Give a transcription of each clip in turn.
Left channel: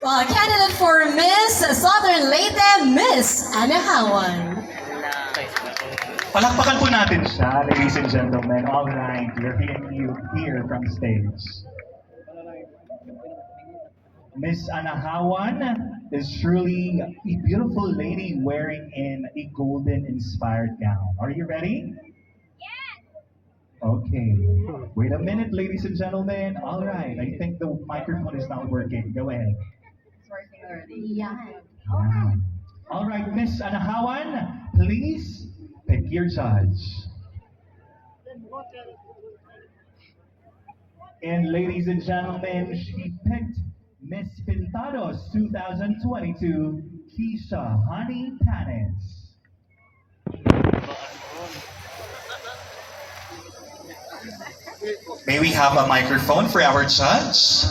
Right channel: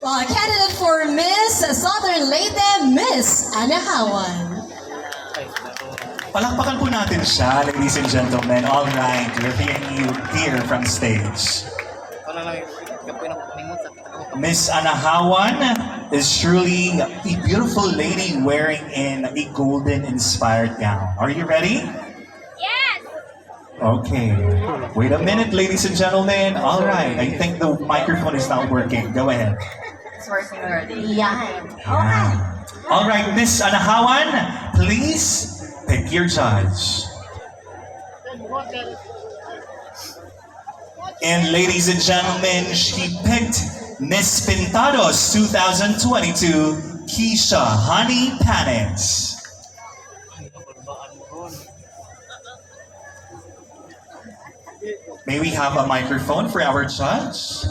Candidate for Miss Southern Leyte, Miss Anahawan. Palakpakan po natin siya, ladies and gentlemen. All right, we're hearing you here from stage. Miss Anahawan is truly a beautiful lady wearing in a golden inspired gown. Are you ready? Yes! Okay. Wait a minute, ladies and gentlemen. All right, I think the microphone is not working. Go ahead. It's working already. Yeah. Yeah. All right, Miss Anahawan, please pick your judge. And ladies and gentlemen, she picked Miss Pintados 2022, Keisha Honey Panis. May we have a microphone for our judge?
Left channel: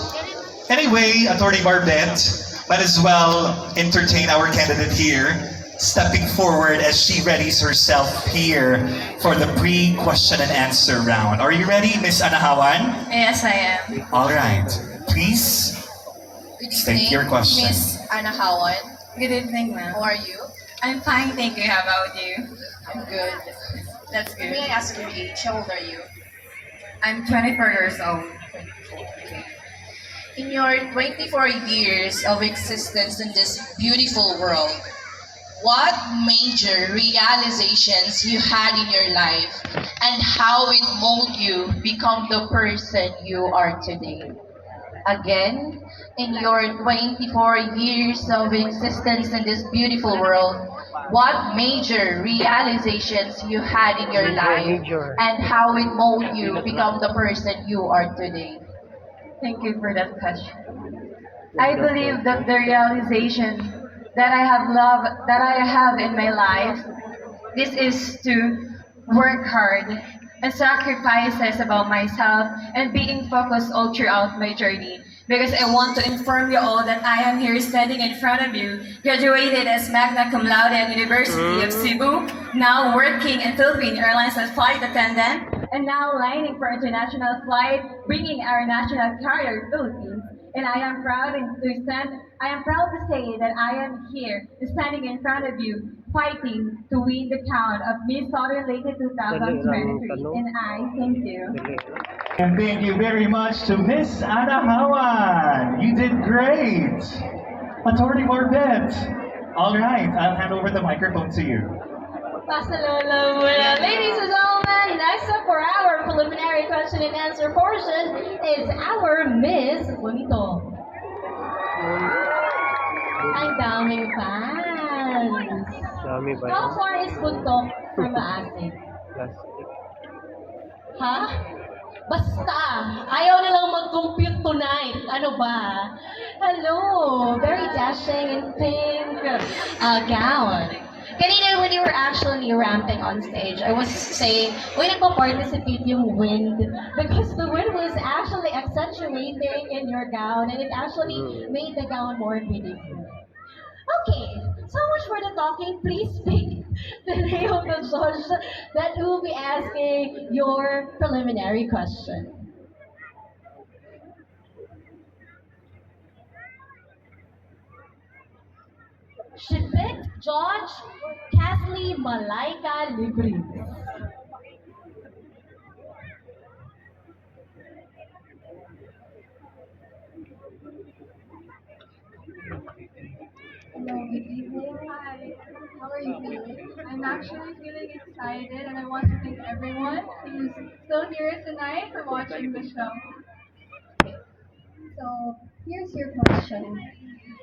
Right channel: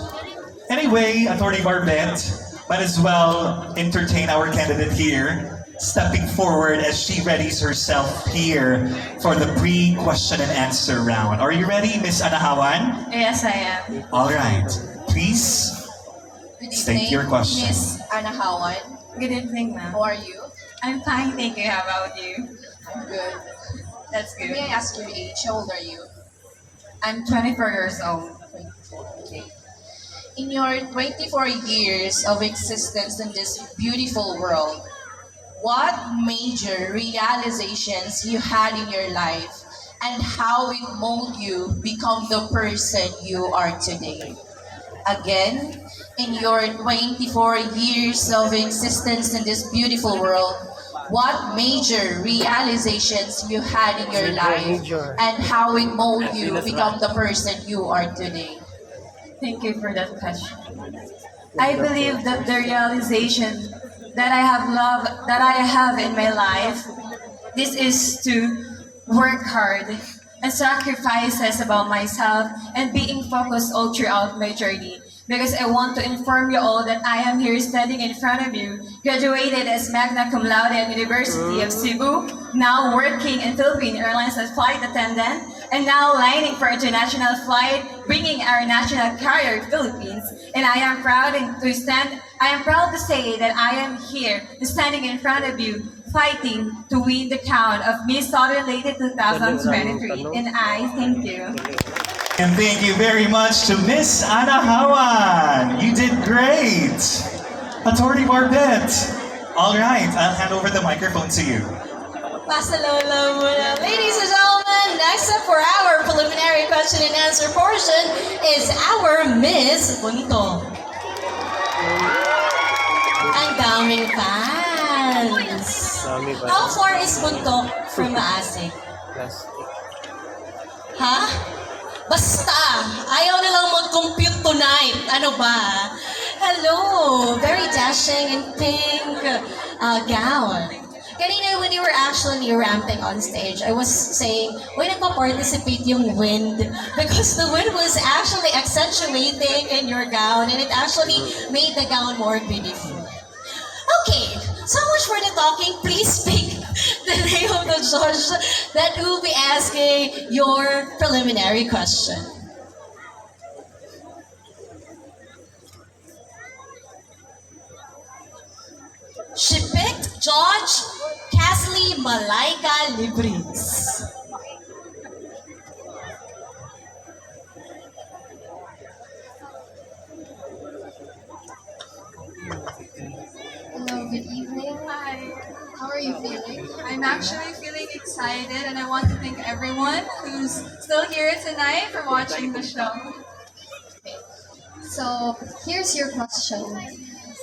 Anyway, Attorney Barbette, might as well entertain our candidate here, stepping forward as she readies herself here for the pre-question and answer round. Are you ready, Miss Anahawan? Yes, I am. All right. Please Good state evening, your question. Miss Anahawan. Good evening, ma'am. How are you? I'm fine, thank you. How about you? I'm good. That's good. May I ask your age? How old are you? I'm 24 years old. Okay. In your 24 years of existence in this beautiful world, what major realizations you had in your life and how it molded you become the person you are today? Again, in your 24 years of existence in this beautiful world, what major realizations you had in your life and how it molded you become the person you are today? Thank you for that question. I believe that the realization that I have in my life, this is to work hard and sacrifices about myself and being focused all throughout my journey. Because I want to inform you all that I am here standing in front of you, graduated as magna cum laude at University of Cebu, now working in Philippine Airlines as flight attendant, and now lining for international flight, bringing our national carrier Philippines. And I am proud to say that I am here standing in front of you, fighting to win the crown of Miss Southern Leyte 2023. And I thank you. And thank you very much to Miss Anahawan. You did great. Attorney Barbette. All right, I'll hand over the microphone to you. Pasalolo muna. Ladies and gentlemen, next up for our preliminary question and answer portion is our Miss Bonito. Ang daming fans. How far is Buntok from Maasig? Ha? Basta, ayaw nilang mag-compute tonight. Ano ba? Hello, very dashing in pink gown. Kanina, when you were actually ramping on stage, I was saying, uy, nagpa-participate yung wind because the wind was actually accentuating in your gown and it actually made the gown more beautiful. Okay, so much for the talking. Please speak the name of the judge that will be asking your preliminary question. She picked Judge Kathleen Malaika Libris. Hello, good evening. Hi. How are you feeling? I'm actually feeling excited and I want to thank everyone who's still here tonight for watching the show. So, here's your question.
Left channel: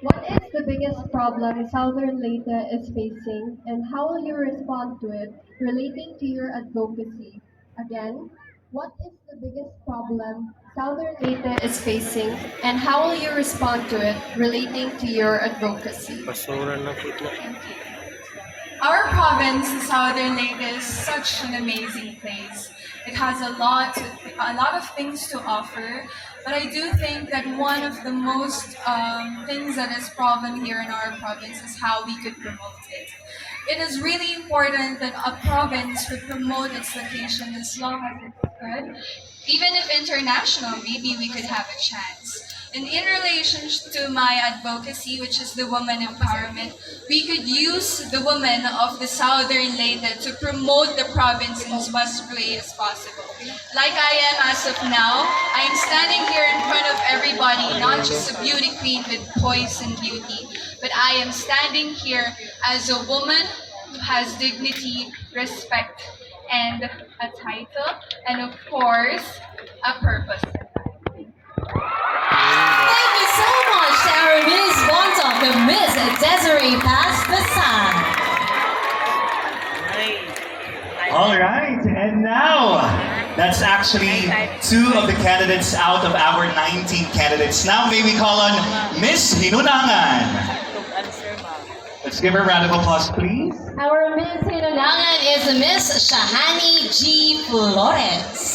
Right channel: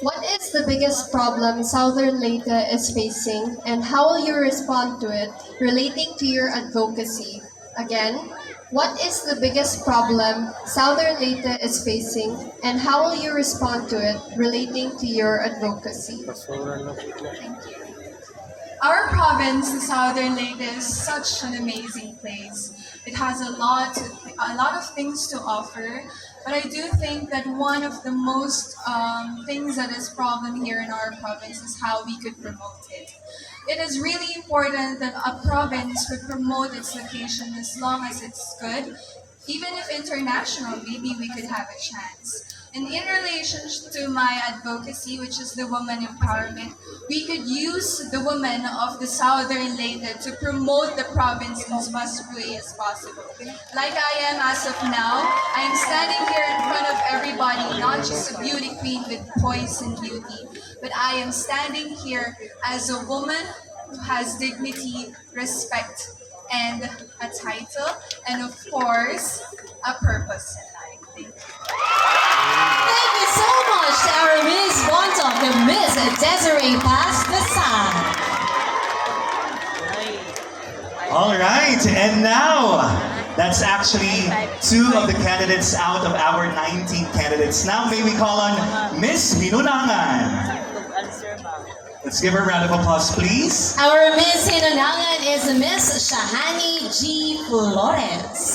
What is the biggest problem Southern Leyte is facing and how will you respond to it relating to your advocacy? Again, what is the biggest problem Southern Leyte is facing and how will you respond to it relating to your advocacy? Our province, the Southern Leyte, is such an amazing place. It has a lot of things to offer, but I do think that one of the most things that is problem here in our province is how we could promote it. It is really important that a province would promote its location as long as it's good. Even if international, maybe we could have a chance. And in relation to my advocacy, which is the woman empowerment, we could use the women of the Southern Leyte to promote the province in as much way as possible. Like I am as of now, I am standing here in front of everybody, not just a beauty queen with poise and beauty, but I am standing here as a woman who has dignity, respect, and a title, and of course, a purpose in life. Thank you. Thank you so much to our Miss Bontom, the Miss Desiree Pass the Sun. All right, and now that's actually 2 of the candidates out of our 19 candidates. Now may we call on Miss Hinunangan. Let's give her a round of applause, please. Our Miss Hinunangan is Miss Shahani G. Flores.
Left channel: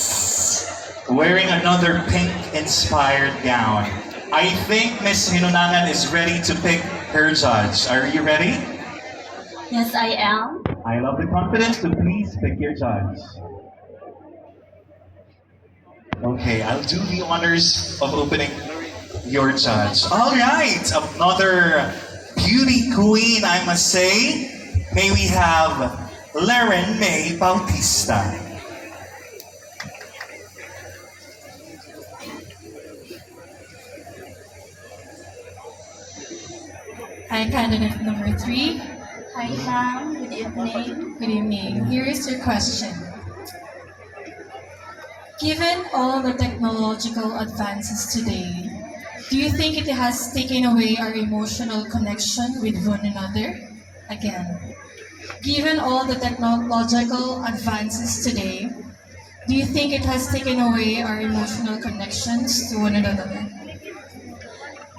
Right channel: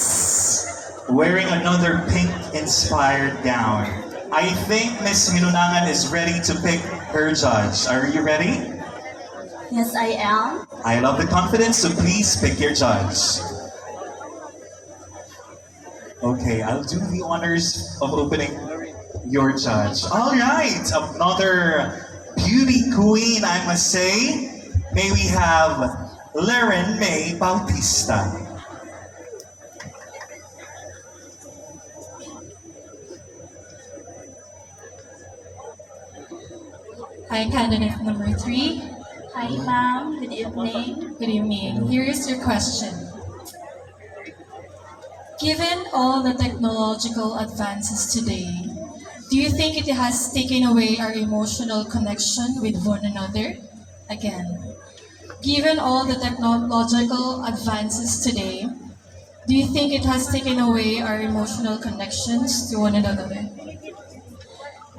Wearing another pink-inspired gown. I think Miss Hinunangan is ready to pick her judge. Are you ready? Yes, I am. I love the confidence, so please pick your judge. Okay, I'll do the honors of opening your judge. All right, another beauty queen, I must say. May we have Laren May Bautista. Hi, candidate number 3. Hi, ma'am. Good evening. Good evening. Here is your question. Given all the technological advances today, do you think it has taken away our emotional connection with one another? Again, given all the technological advances today, do you think it has taken away our emotional connections to one another?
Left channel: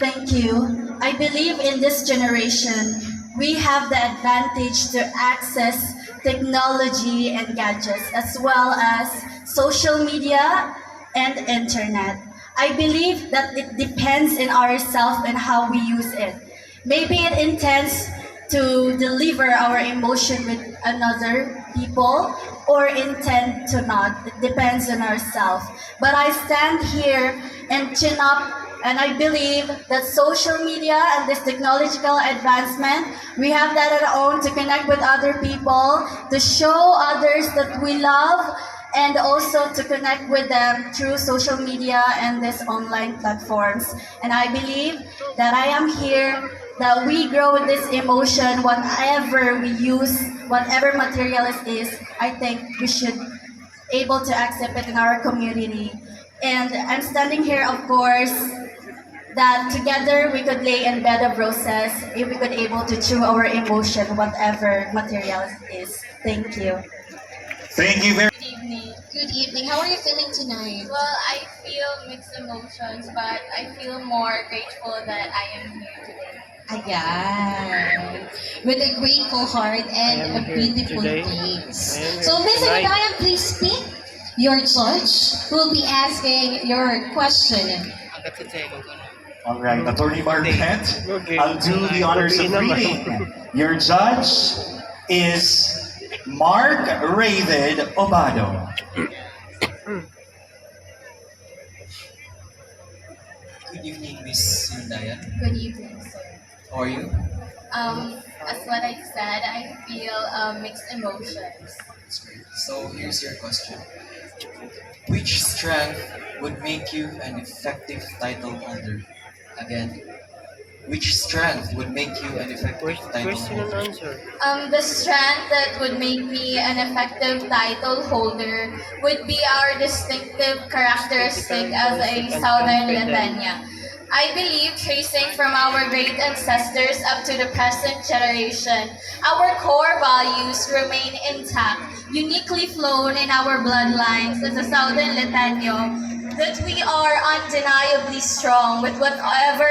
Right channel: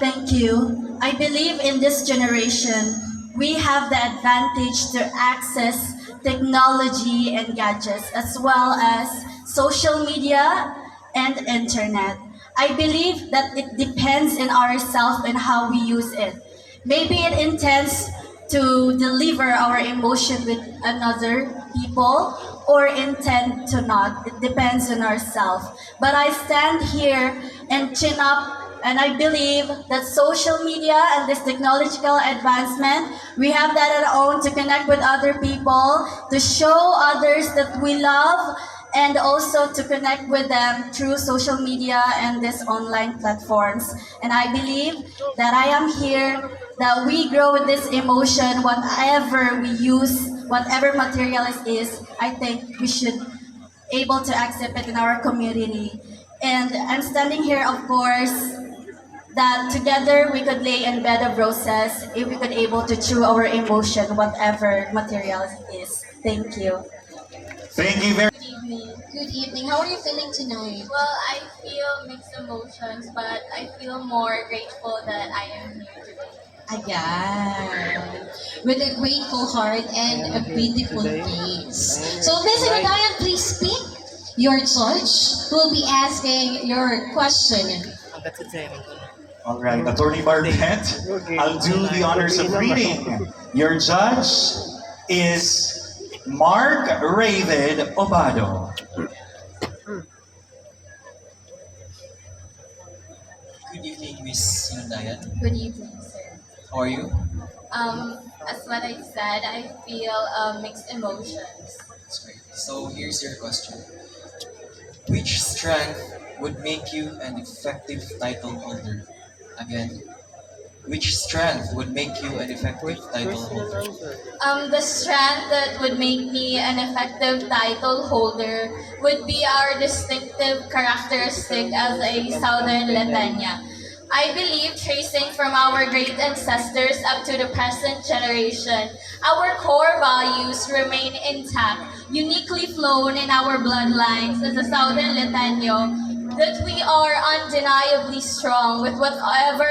Thank you. I believe in this generation, we have the advantage to access technology and gadgets as well as social media and internet. I believe that it depends on ourselves and how we use it. Maybe it intends to deliver our emotion with another people or intend to not. It depends on ourselves. But I stand here and chin up, and I believe that social media and this technological advancement, we have that on our own to connect with other people, to show others that we love, and also to connect with them through social media and these online platforms. And I believe that I am here, that we grow with this emotion, whatever we use, whatever material it is, I think we should able to accept it in our community. And I'm standing here, of course, that together we could lay in bed of roses if we could able to chew our emotion, whatever material it is. Thank you. Thank you very Good evening. Good evening. How are you feeling tonight? Well, I feel mixed emotions, but I feel more grateful that I am here today. Ayan. With a grateful heart and a beautiful face. So, Miss Hinunangan, please speak. Your judge will be asking your question. All right, Attorney Barbette, I'll do the honors of reading. Your judge is Mark Raven Obado. Good evening, Miss Hinundayan. Good evening, sir. How are you? As what I said, I feel mixed emotions. That's great. So here's your question. Which strength would make you an effective title holder? Again, which strength would make you an effective title holder? The strength that would make me an effective title holder would be our distinctive characteristic as a Southern Latanya. I believe, tracing from our great ancestors up to the present generation, our core values remain intact, uniquely flown in our bloodlines as a Southern Latano, that we are undeniably strong with whatever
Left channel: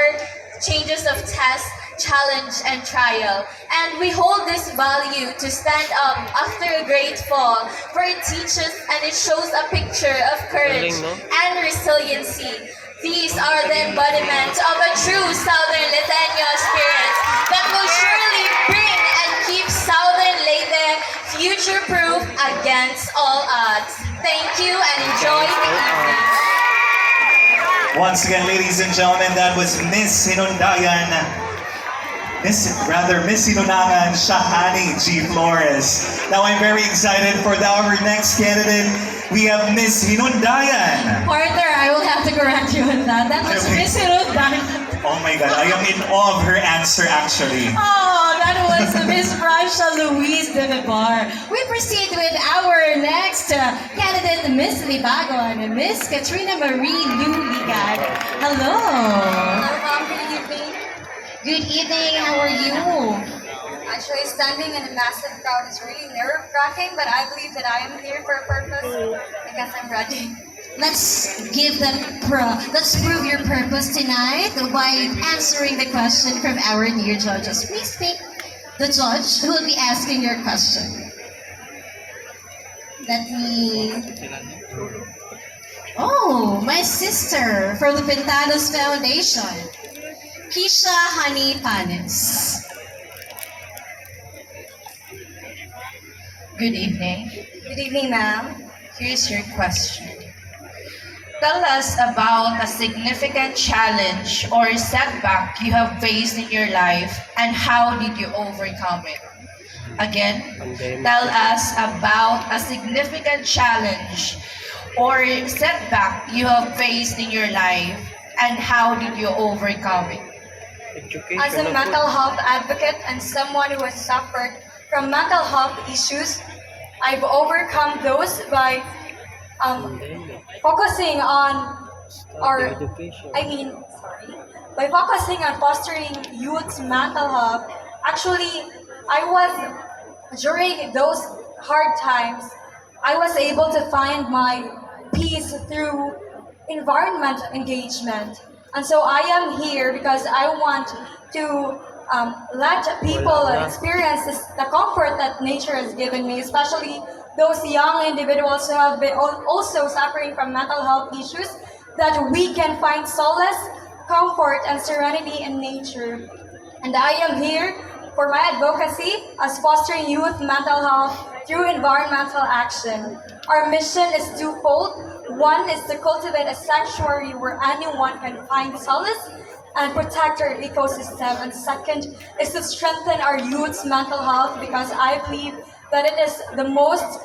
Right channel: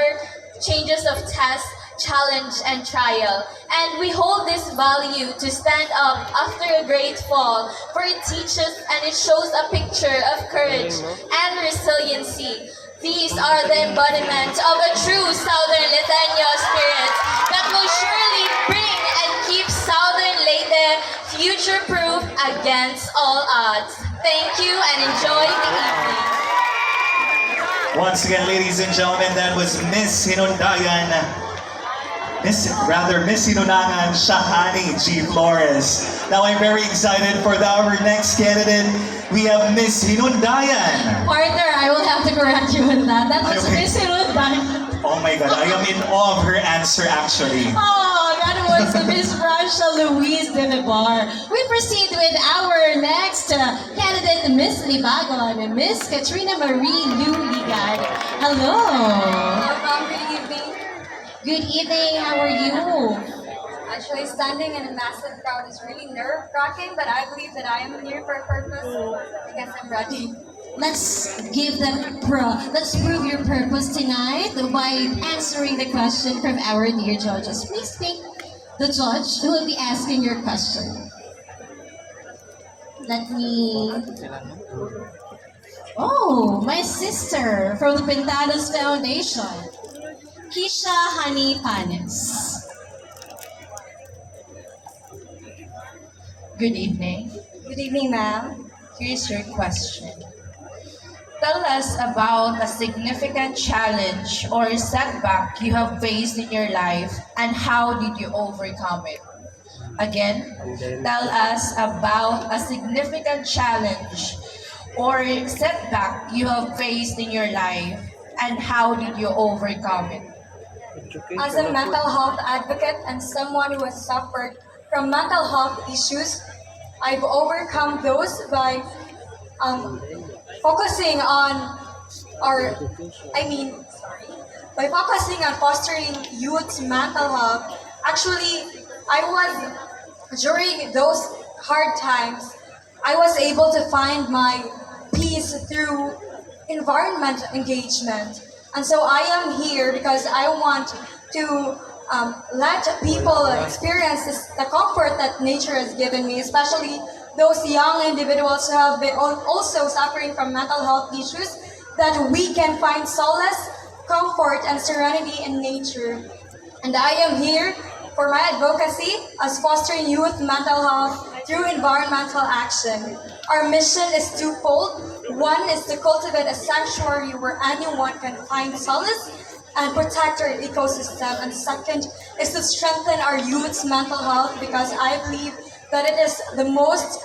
changes of test, challenge, and trial. And we hold this value to stand up after a great fall, for it teaches and it shows a picture of courage and resiliency. These are the embodiment of a true Southern Latino spirit that will surely bring and keep Southern Leyte future-proof against all odds. Thank you and enjoy the evening. Once again, ladies and gentlemen, that was Miss Hinundayan. Miss Hinunangan Shahani G. Flores. Now I'm very excited for our next candidate. We have Miss Hinundayan. Partner, I will have to correct you on that. That was Okay. Miss Hirodan. Oh my God, I am in awe of her answer actually. Oh, that was Miss Rasha Louise de Vivar. We proceed with our next candidate, Miss Libagon and Miss Katrina Marie Lou Ligad. Hello. Hello, ma'am. Good evening. Good evening. How are you? Actually, standing in a massive crowd is really nerve-wracking, but I believe that I am here for a purpose. I guess I'm ready. Let's let's prove your purpose tonight by answering the question from our dear judges. Please pick the judge who will be asking your question. Let me. Oh, my sister from the Pentanos Foundation, Kisha Honey Panes. Good evening. Good evening, ma'am. Here's your question. Tell us about a significant challenge or setback you have faced in your life and how did you overcome it? Again, tell us about a significant challenge or setback you have faced in your life and how did you overcome it? As a mental health advocate and someone who has suffered from mental health issues, I've overcome those by focusing on by focusing on fostering youth's mental health. Actually, during those hard times, I was able to find my peace through environment engagement. And so I am here because I want to let people experience the comfort that nature has given me, especially those young individuals who have been also suffering from mental health issues, that we can find solace, comfort, and serenity in nature. And I am here for my advocacy as fostering youth mental health through environmental action. Our mission is twofold. One is to cultivate a sanctuary where anyone can find solace and protect our ecosystem. And second is to strengthen our youth's mental health, because I believe that it is the most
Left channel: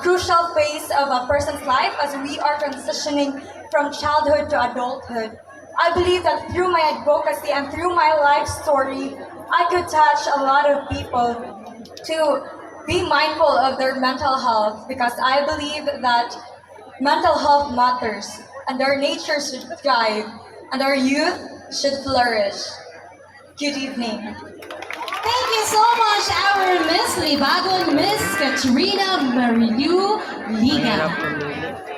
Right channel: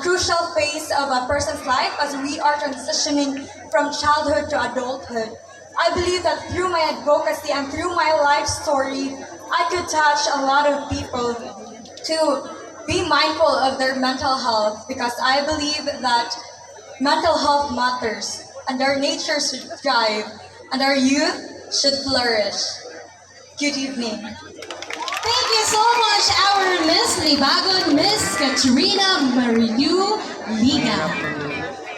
crucial phase of a person's life as we are transitioning from childhood to adulthood. I believe that through my advocacy and through my life story, I could touch a lot of people to be mindful of their mental health, because I believe that mental health matters and our nature should thrive and our youth should flourish. Good evening. Thank you so much, our Miss Libagon, Miss Katrina Marilu Liga.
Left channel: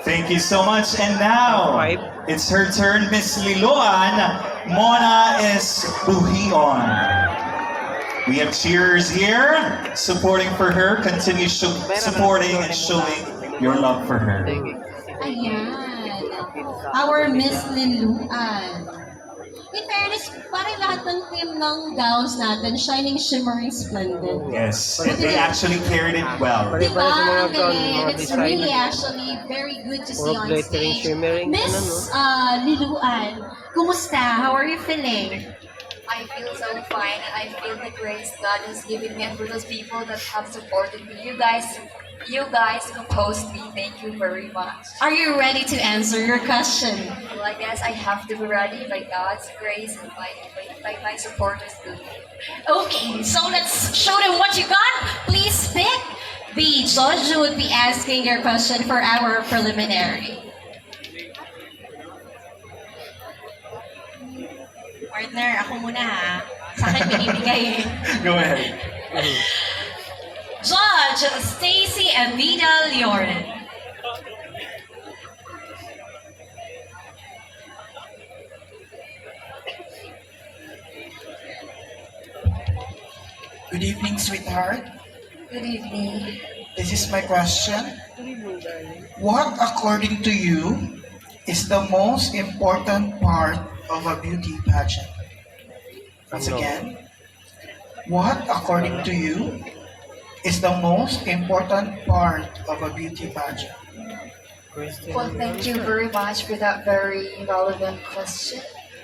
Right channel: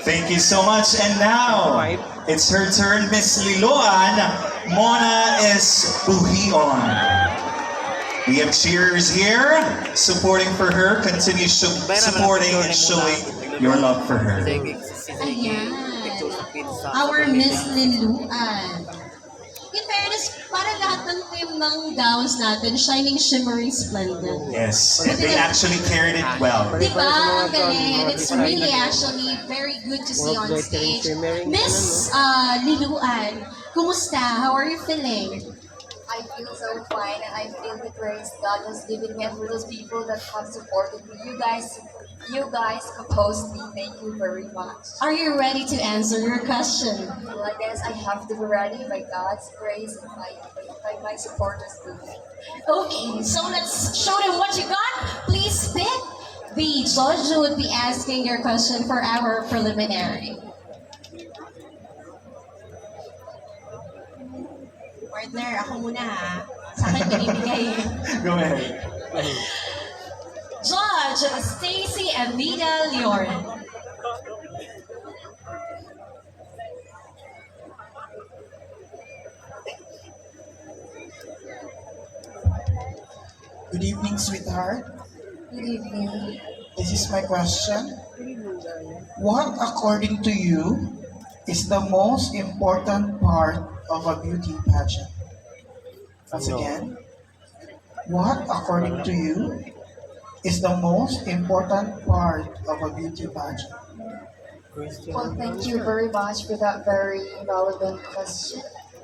Thank you so much. And now, it's her turn, Miss Liloan. Mona is Buhion. We have cheers here, supporting for her. Continue supporting and showing your love for her. Ayan. Our Miss Liluan. In fairness, parang lahat ng team ng gowns natin, shining, shimmering, splendid. Yes, and they actually carried it well. Diba? Ang galing. And it's really actually very good to see on stage. Miss Liluan, kumusta? How are you feeling? I feel so fine, and I feel the grace God has given me and for those people that have supported me. You guys composed me. Thank you very much. Are you ready to answer your question? Well, I guess I have to be ready by God's grace and by my supporters too. Okay, so let's show them what you got. Please pick the judge who would be asking your question for our preliminary. Partner, ako muna ha. Sa akin binibigay eh. Go ahead. Judge Stacy Evita Leoren. Good evening, sweetheart. Good evening. This is my question. What, according to you, is the most important part of a beauty pageant? Once again, what, according to you, is the most important part of a beauty pageant? Well, thank you very much for that very relevant question.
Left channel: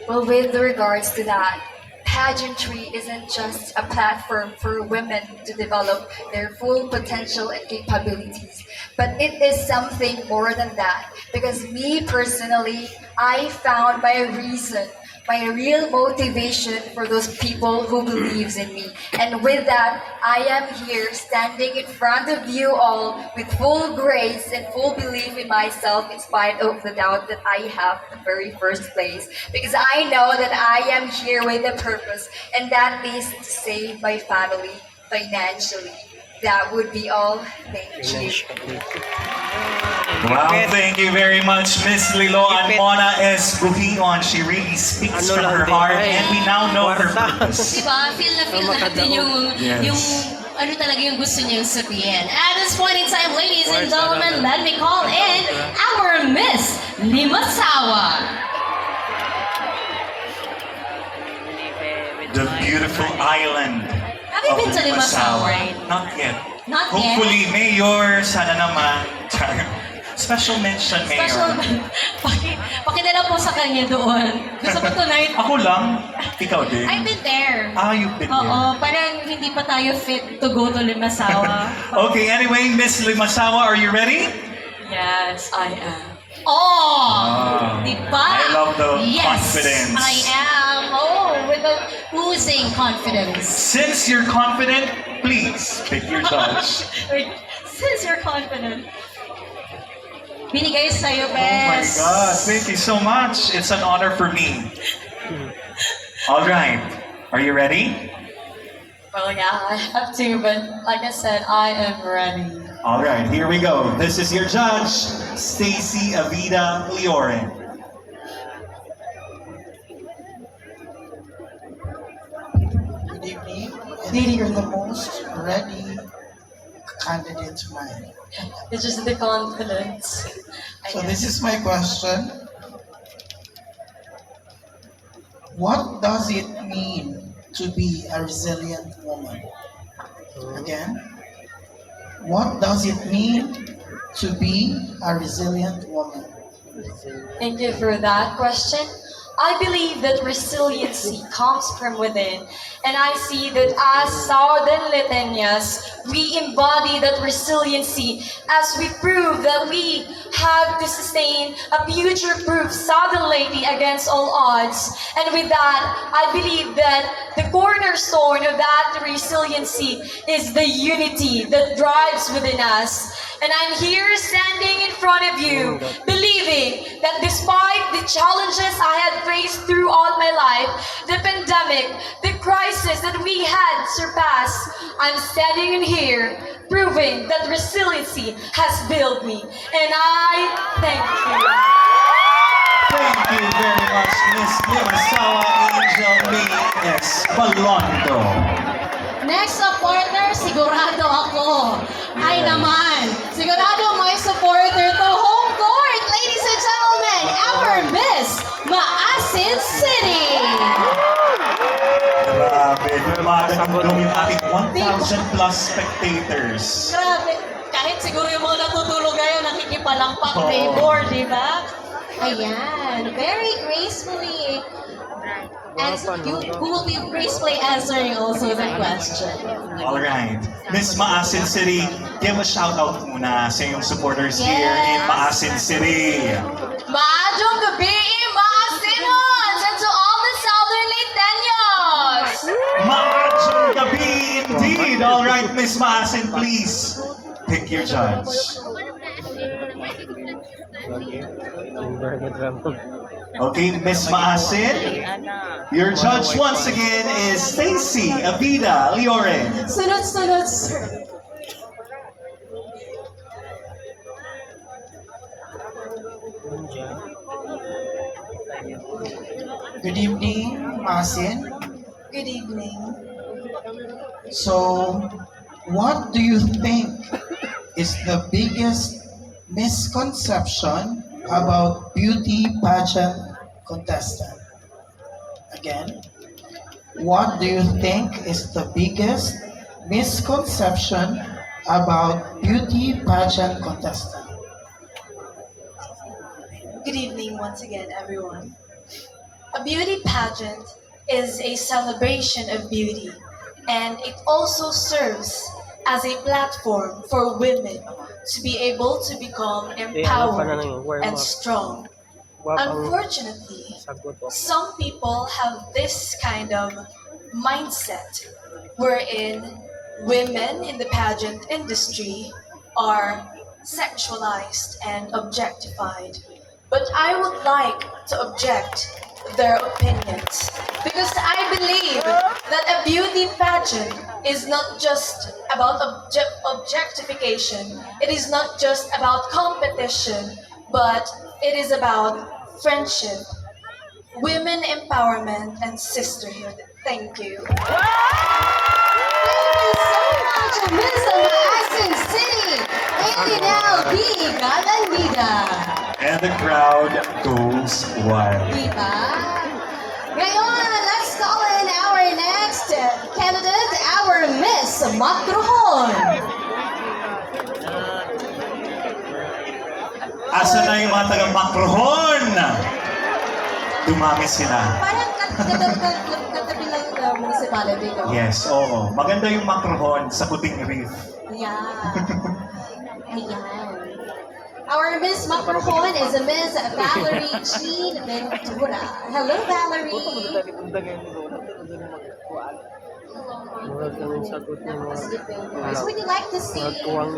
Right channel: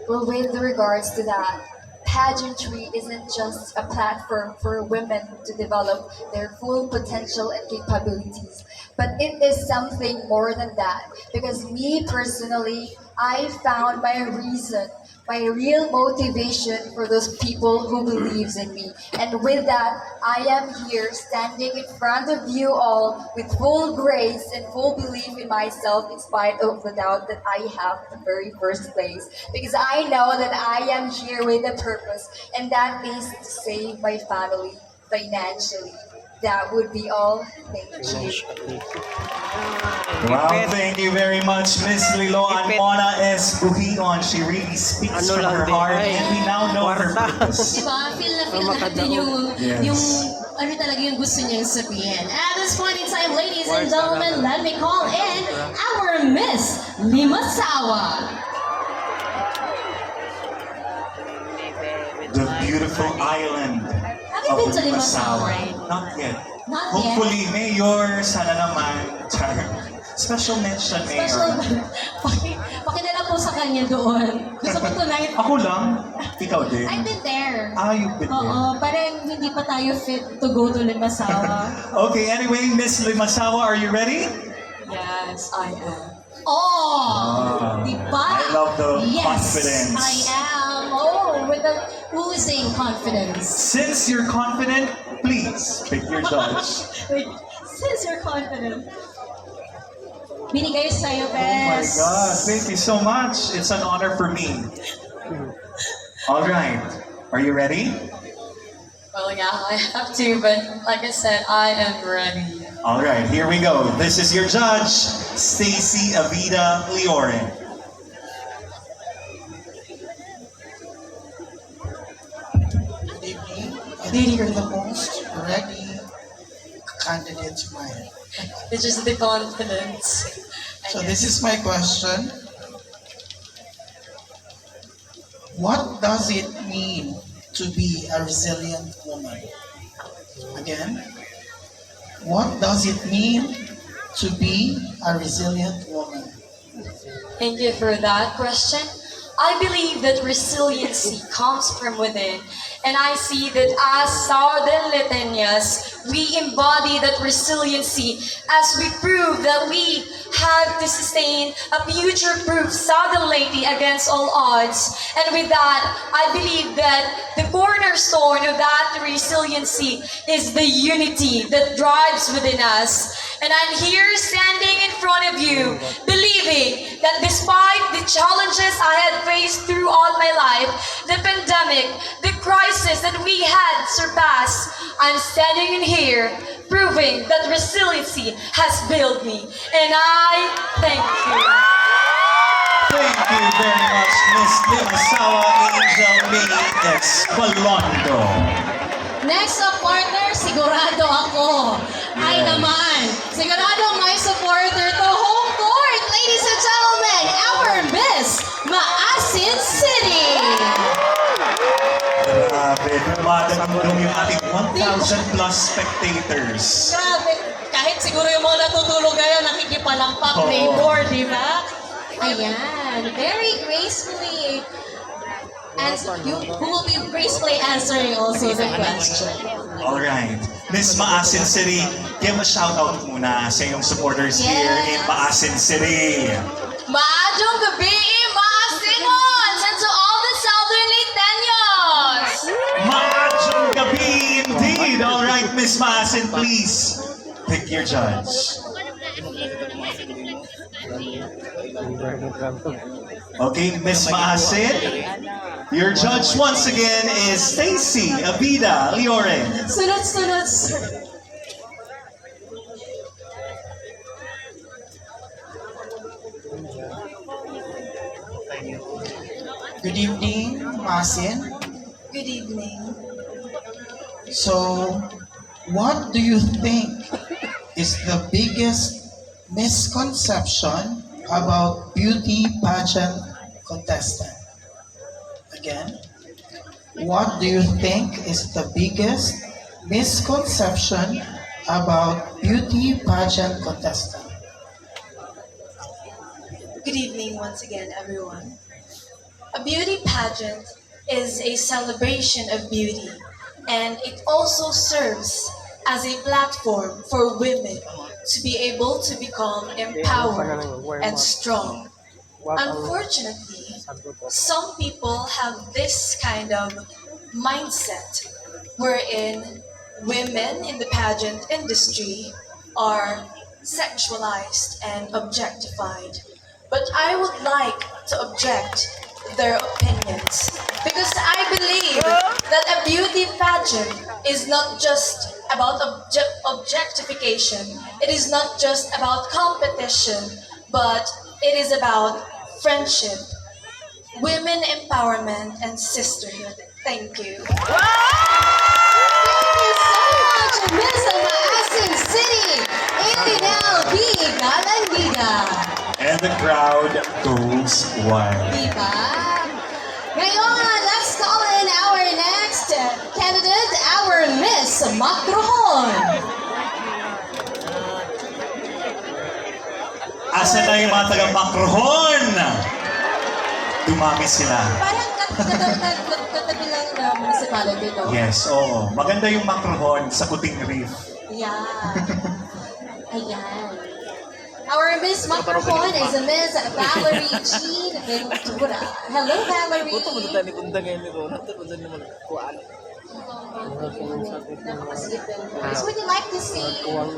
Well, with regards to that, pageantry isn't just a platform for women to develop their full potential and capabilities, but it is something more than that. Because me personally, I found my reason, my real motivation for those people who believes in me. And with that, I am here standing in front of you all with full grace and full belief in myself in spite of the doubt that I have in the very first place. Because I know that I am here with a purpose, and that is to save my family financially. That would be all. Thank you. Wow, thank you very much, Miss Lilo and Mona S. Buhion. She really speaks from her heart, and we now know her purpose. Diba? Feel na lahat din Yes. yung ano talaga yung gusto niyang sabihin. At this point in time, ladies and gentlemen, let me call in our Miss Limasawa. The beautiful island Have you of been to Limasawa? Not yet. Not Hopefully, Mayor, sana naman. Char. Special mention, Mayor. Special, pakidala po sa kanya doon. Gusto ko tonight. Ako lang. Ikaw din. I've been there. You've been Oo, parang hindi pa tayo fit to go to Limasawa. Okay, anyway, Miss Limasawa, are you ready? Yes, I am. Oh! Di ba? I love the yes, confidence. I am. Oh, with the oozing confidence. Since you're confident, please pick your judge. Wait, since you're confident. Binigay sa'yo, Oh my best. God, thank you so much. It's an honor for me. All right, are you ready? Well, yeah, I have to, but like I said, I am ready. All right, here we go. This is your judge, Stacy Avida Leoren. Good evening. I think you're the most ready candidate tonight. It's just the confidence. So this is my question. What does it mean to be a resilient woman? Again, what does it mean to be a resilient woman? Thank you for that question. I believe that resiliency comes from within, and I see that as Southern Leyteñas, we embody that resiliency as we prove that we have to sustain a future-proof Southern Leyte against all odds. And with that, I believe that the cornerstone of that resiliency is the unity that drives within us. And I'm here standing in front of you, believing that despite the challenges I had faced throughout my life, the pandemic, the crisis that we had surpassed, I'm standing in here, proving that resiliency has built me. And I thank you. Thank you very much, Miss Limasawa Angel May Espalondo. Next na partner, sigurado ako. Ay Yes. naman, sigurado may supporter to home court. Ladies and gentlemen, our Miss Maasin City. Grabe, dumadagdag yung ating 1,000 plus spectators. Grabe, kahit siguro yung mga natutulog ngayon, nakikipalampak Oo. neighbor, di ba? Ayan, very gracefully. And who will be gracefully answering also the question. All right. Miss Maasin City, give a shout out muna sa iyong supporters here in Yes. Maasin City. Maadong gabi, Maasinons, and to all the Southern Leyteños! Maachong gabi indeed. All right, Miss Maasin, please pick your judge. Okay, Miss Maasin, your judge once again is Stacy Avida Leoren. Sunod-sunod, sir. Good evening, Masin. Good evening. So, what do you think is the biggest misconception about beauty pageant contestant? Again, what do you think is the biggest misconception about beauty pageant contestant? Good evening once again, everyone. A beauty pageant is a celebration of beauty, and it also serves as a platform for women to be able to become empowered and strong. Unfortunately, some people have this kind of mindset wherein women in the pageant industry are sexualized and objectified. But I would like to object their opinions because I believe that a beauty pageant is not just about objectification, it is not just about competition, but it is about friendship, women empowerment, and sisterhood. Thank you. Thank you so much, Miss Maasin City, Indinal B. Galandiga. And the crowd goes wild. Diba? Ngayon, let's call in our next candidate, our Miss Makrohon. Asa na yung mga taga-Makrohon? Dumami sila. Parang katabi lang na municipality, no? Yes, oo. Maganda yung Makrohon sa Kuting Reef. Yeah. Ayan. Our Miss Makrohon is a Miss Valerie Jean Ventura. Hello, Valerie. Napakasigit ng voice. Would you like to say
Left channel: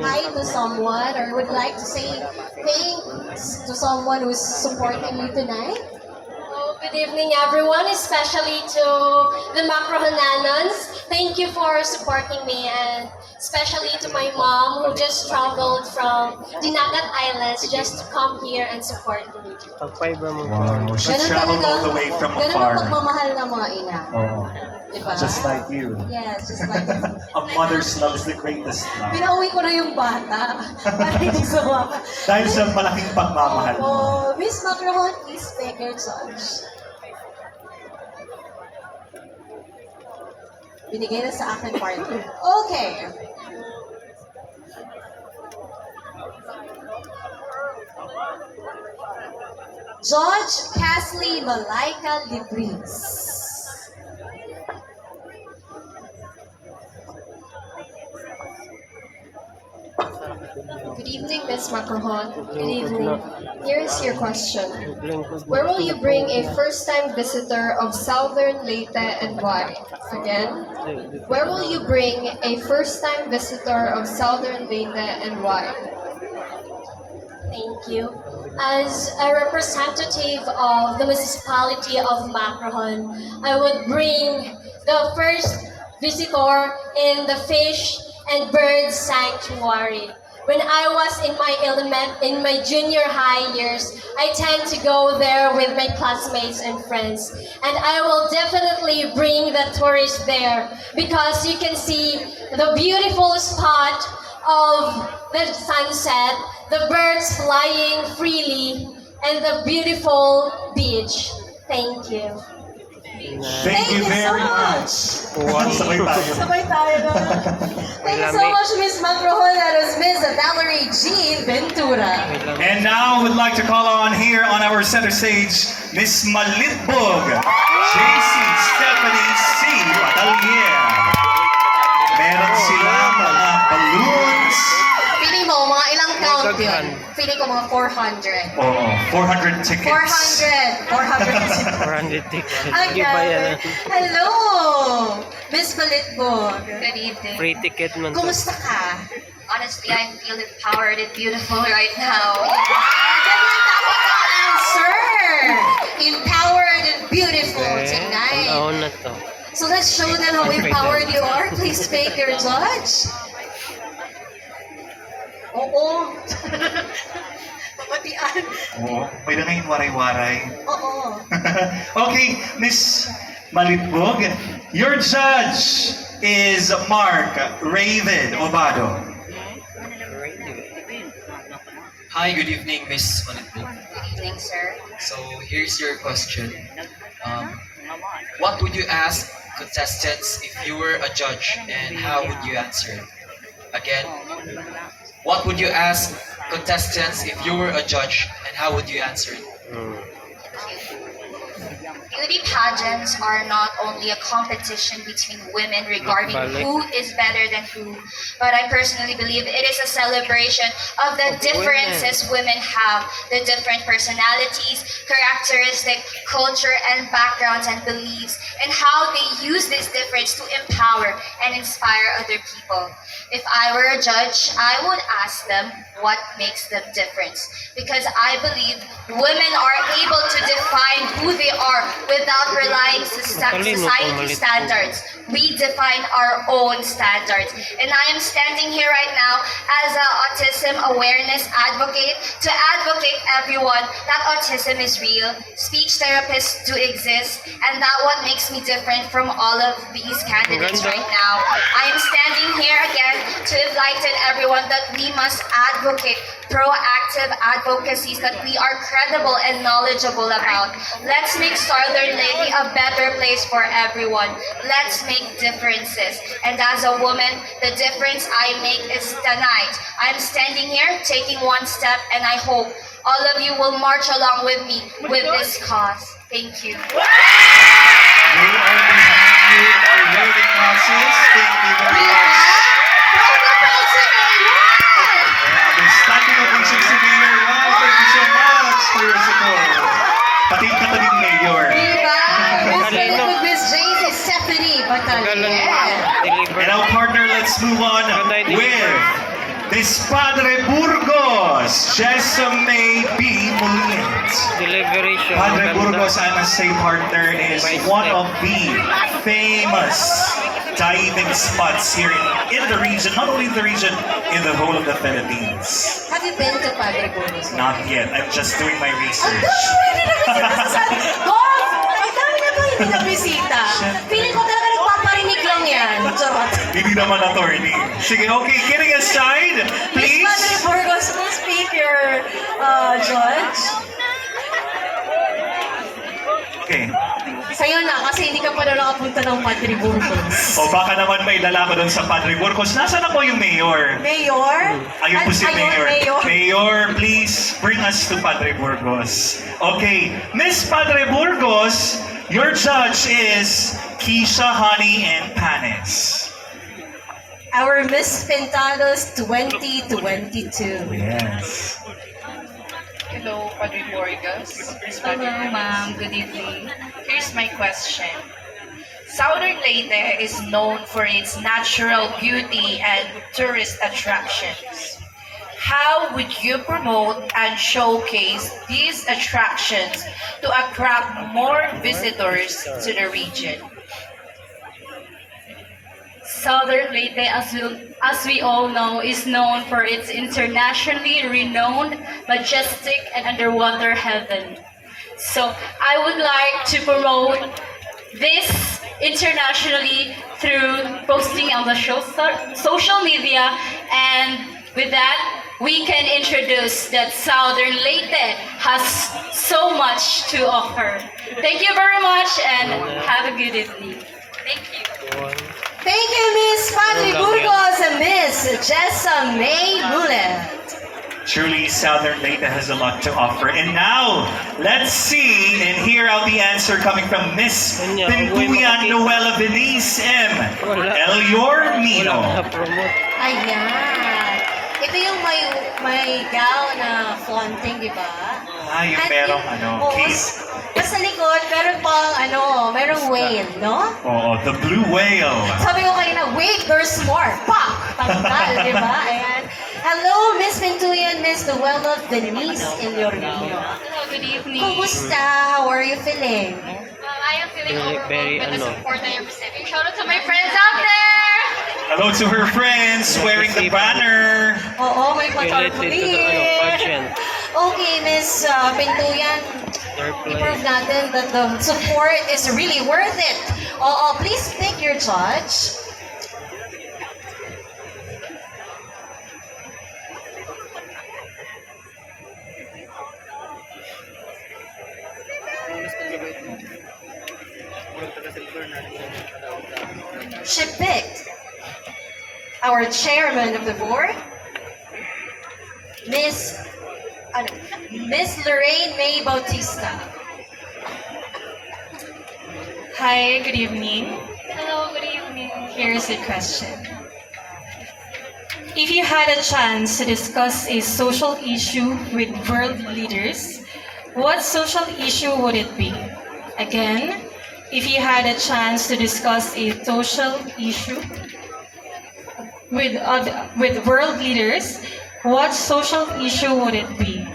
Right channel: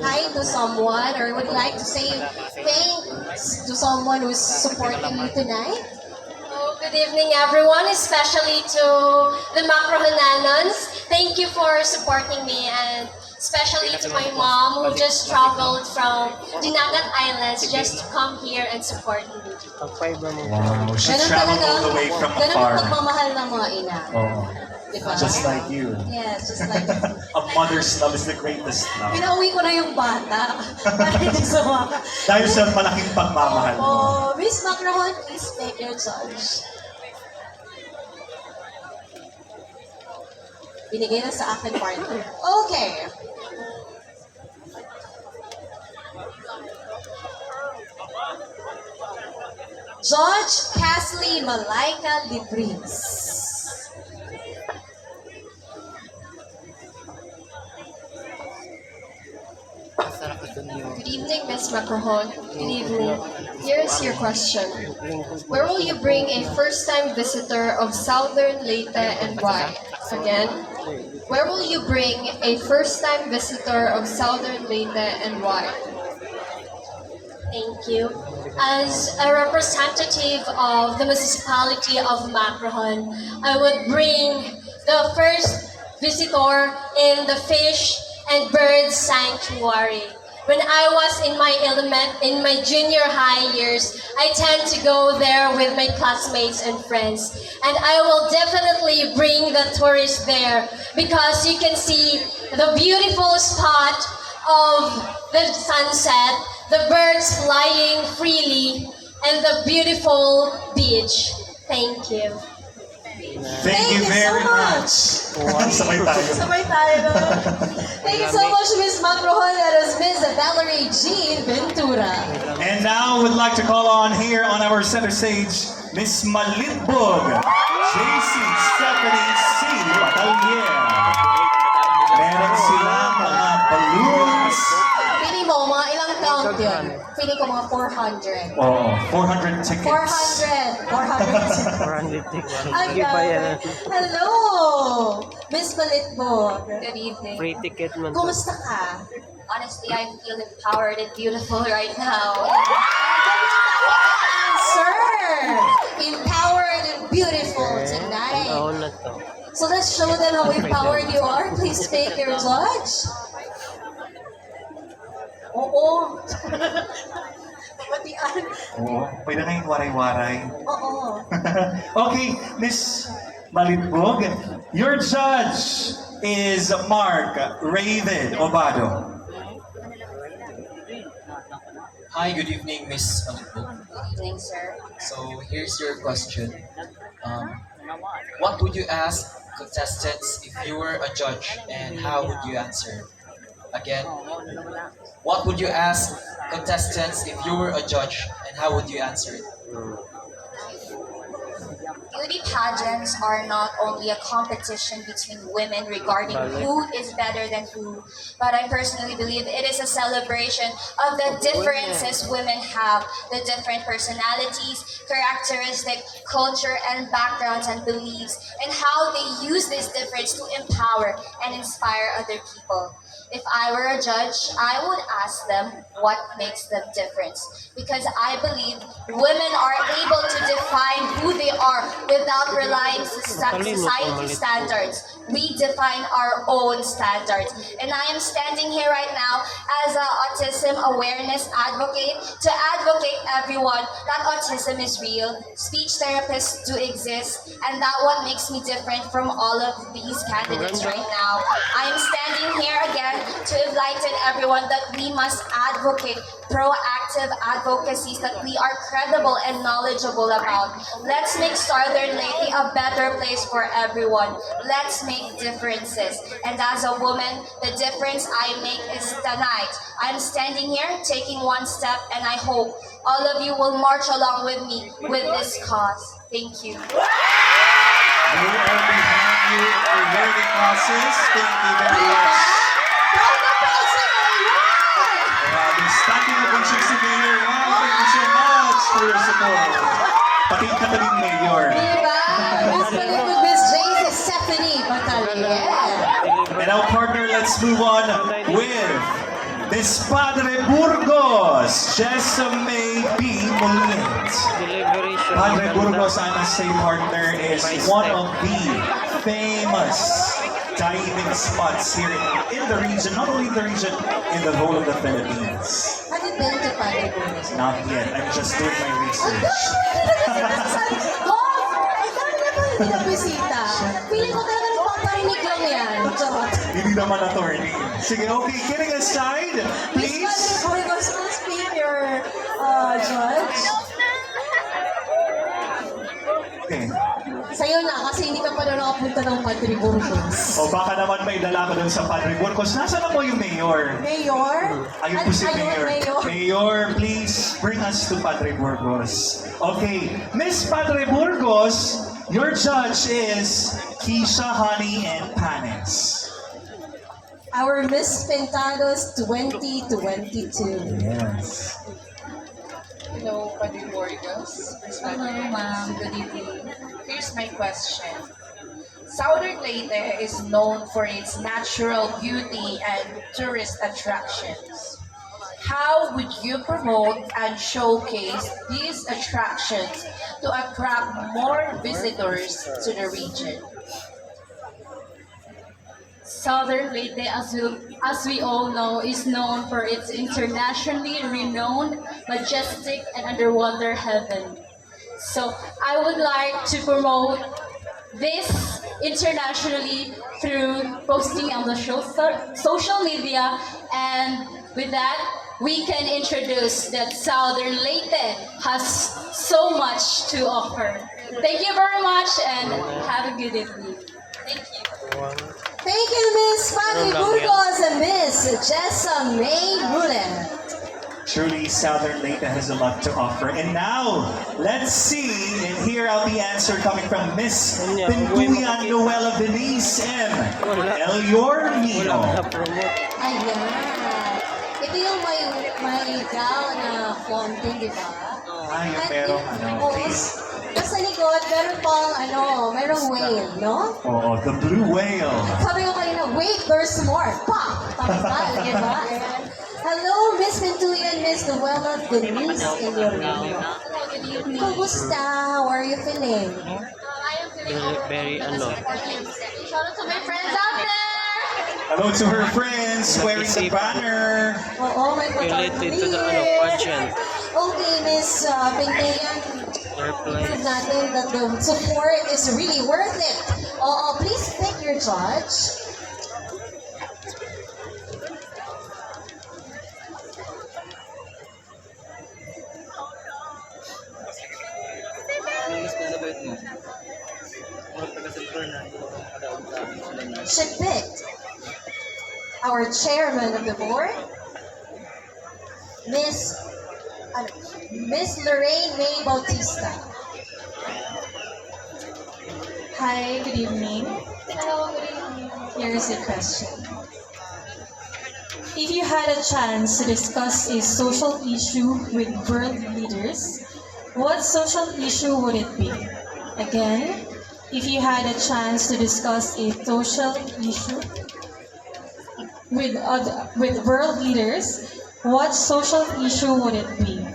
hi to someone or would you like to say thanks to someone who's supporting you tonight? Oh, good evening, everyone, especially to the Macrohananons. Thank you for supporting me, and especially to my mom who just traveled from Dinagat Islands just to come here and support me. Wow, she traveled all the way from Ganun ang afar. pagmamahal ng mga ina. Oo. Diba? Just like you. Yes, just like A mother's love is the greatest love. Pinauwi ko na yung bata. Para hindi sumawa. Dahil sa malaking pagmamahal mo. Oh, Miss Makrohon, please make your judge. Binigay na sa akin partner. Okay. Judge Kathleen Malaika Libris. Good evening, Miss Makrohon. Good evening. Here is your question. Where will you bring a first-time visitor of Southern Leyte and why? Again, where will you bring a first-time visitor of Southern Leyte and why? Thank you. As a representative of the municipality of Macrohon, I would bring the first visitor in the fish and bird sanctuary. When I was in my junior high years, I tend to go there with my classmates and friends. And I will definitely bring the tourists there because you can see the beautiful spot of the sunset, the birds flying freely, and the beautiful beach. Thank you. Thank you very much. Sabay tayo. Sabay tayo na. Thank you so much, Miss Makrohon. That was Miss Valerie Jean Ventura. And now we'd like to call on here on our center stage, Miss Malitbog, JC Stephanie C. Batalier. Meron silang mga balloons. Pili mo, mga ilang count yun? Pili ko mga 400. Oh, 400 tickets. 400 tickets. Ang gabi. Hello! Miss Malitbog. Good evening. Free ticket man to. Kumusta ka? Honestly, I feel empowered and beautiful right now. Ganyan ako ang answer! Empowered and beautiful tonight. Ano na to? So let's show them how empowered you are. Please make your judge. Oo. Papatian. Oo, pwede na yung waray-waray. Oo. Okay, Miss Malitbog, your judge is Mark Raven Obado. Hi, good evening, Miss Malitbog. Good evening, sir. So here's your question. What would you ask contestants if you were a judge, and how would you answer it? Again, what would you ask contestants if you were a judge, and how would you answer it? Beauty pageants are not only a competition between women regarding who is better than who, but I personally believe it is a celebration of the differences women have, the different personalities, characteristics, culture, and backgrounds and beliefs, and how they use this difference to empower and inspire other people. If I were a judge, I would ask them what makes them different. Because I believe women are able to define who they are without relying on society standards. We define our own standards. And I am standing here right now as an autism awareness advocate to advocate everyone that autism is real, speech therapists do exist, and that what makes me different from all of these candidates right now. I am standing here again to enlighten everyone that we must advocate proactive advocacies that we are credible and knowledgeable about. Let's make Southern Leyte a better place for everyone. Let's make differences. And as a woman, the difference I make is tonight. I'm standing here taking one step, and I hope all of you will march along with me with this cause. Thank you. We are behind you for learning classes. Thank you very much. Standing ovation si Mayor. Wow, thank you so much for your support. Pati yung katabing Mayor. Diba? Miss Philip with Miss JC Stephanie Batalier. And our partner, let's move on with Miss Padre Burgos, Jessame B. Mulit. Padre Burgos, I must say, partner, is one of the famous diving spots here in the region, not only in the region, in the whole of the Philippines. Have you been to Padre Burgos? Not yet. I'm just doing my research. Ang dami na ba hindi na bisita? Feeling ko talaga nagpaparinig lang yan. Charot. Hindi naman attorney. Sige, okay, kidding aside, please. Miss Padre Burgos, please speak your judge. Okay. Sa'yo na, kasi hindi ka pa daw nakapunta ng Padre Burgos. O baka naman may lalaman doon sa Padre Burgos. Nasaan na po yung mayor? Mayor? Ayun po si Mayor. Mayor. Mayor, please bring us to Padre Burgos. Okay, Miss Padre Burgos, your judge is Keisha, Honey, and Panis. Our Miss Pentados 2022. Yes. Hello, Padre Burgos. Hello, ma'am. Good evening. Here's my question. Southern Leyte is known for its natural beauty and tourist attractions. How would you promote and showcase these attractions to attract more visitors to the region? Southern Leyte, as we all know, is known for its internationally renowned, majestic, and underwater heaven. So I would like to promote this internationally through posting on the social media, and with that, we can introduce that Southern Leyte has so much to offer. Thank you very much, and have a good evening. Thank you. Thank you, Miss Padre Burgos and Miss Jessame Mulet. Truly, Southern Leyte has a lot to offer. And now, let's see and hear out the answer coming from Miss Pintuyan Noela Venice M. Elior Mino. Ayan. Ito yung may gown na flaunting, di ba? Ah, yung merong case. Tapos sa likod, meron pang merong whale, no? Oh, the blue whale. Sabi ko kanina, wait, there's more. Pak! Tanggal, di ba? Ayan. Hello, Miss Pintuyan, Miss Noela Venice Elior Mino. Hello, good evening. Kumusta? How are you feeling? I am feeling overwhelmed with the support that you're receiving. Shout out to my friends out there! Hello to her friends wearing the banner. Oo, may Related to the Pageant. Okay, Miss Pintuyan, i-prove natin that the support is really worth it. Oo, please pick your judge. She picked our chairman of the board, Miss Miss Lorraine May Bautista. Hi, good evening. Hello, good evening. Here's the question. If you had a chance to discuss a social issue with world leaders, what social issue would it be? Again, if you had a chance to discuss a social issue with world leaders, what social issue would it be?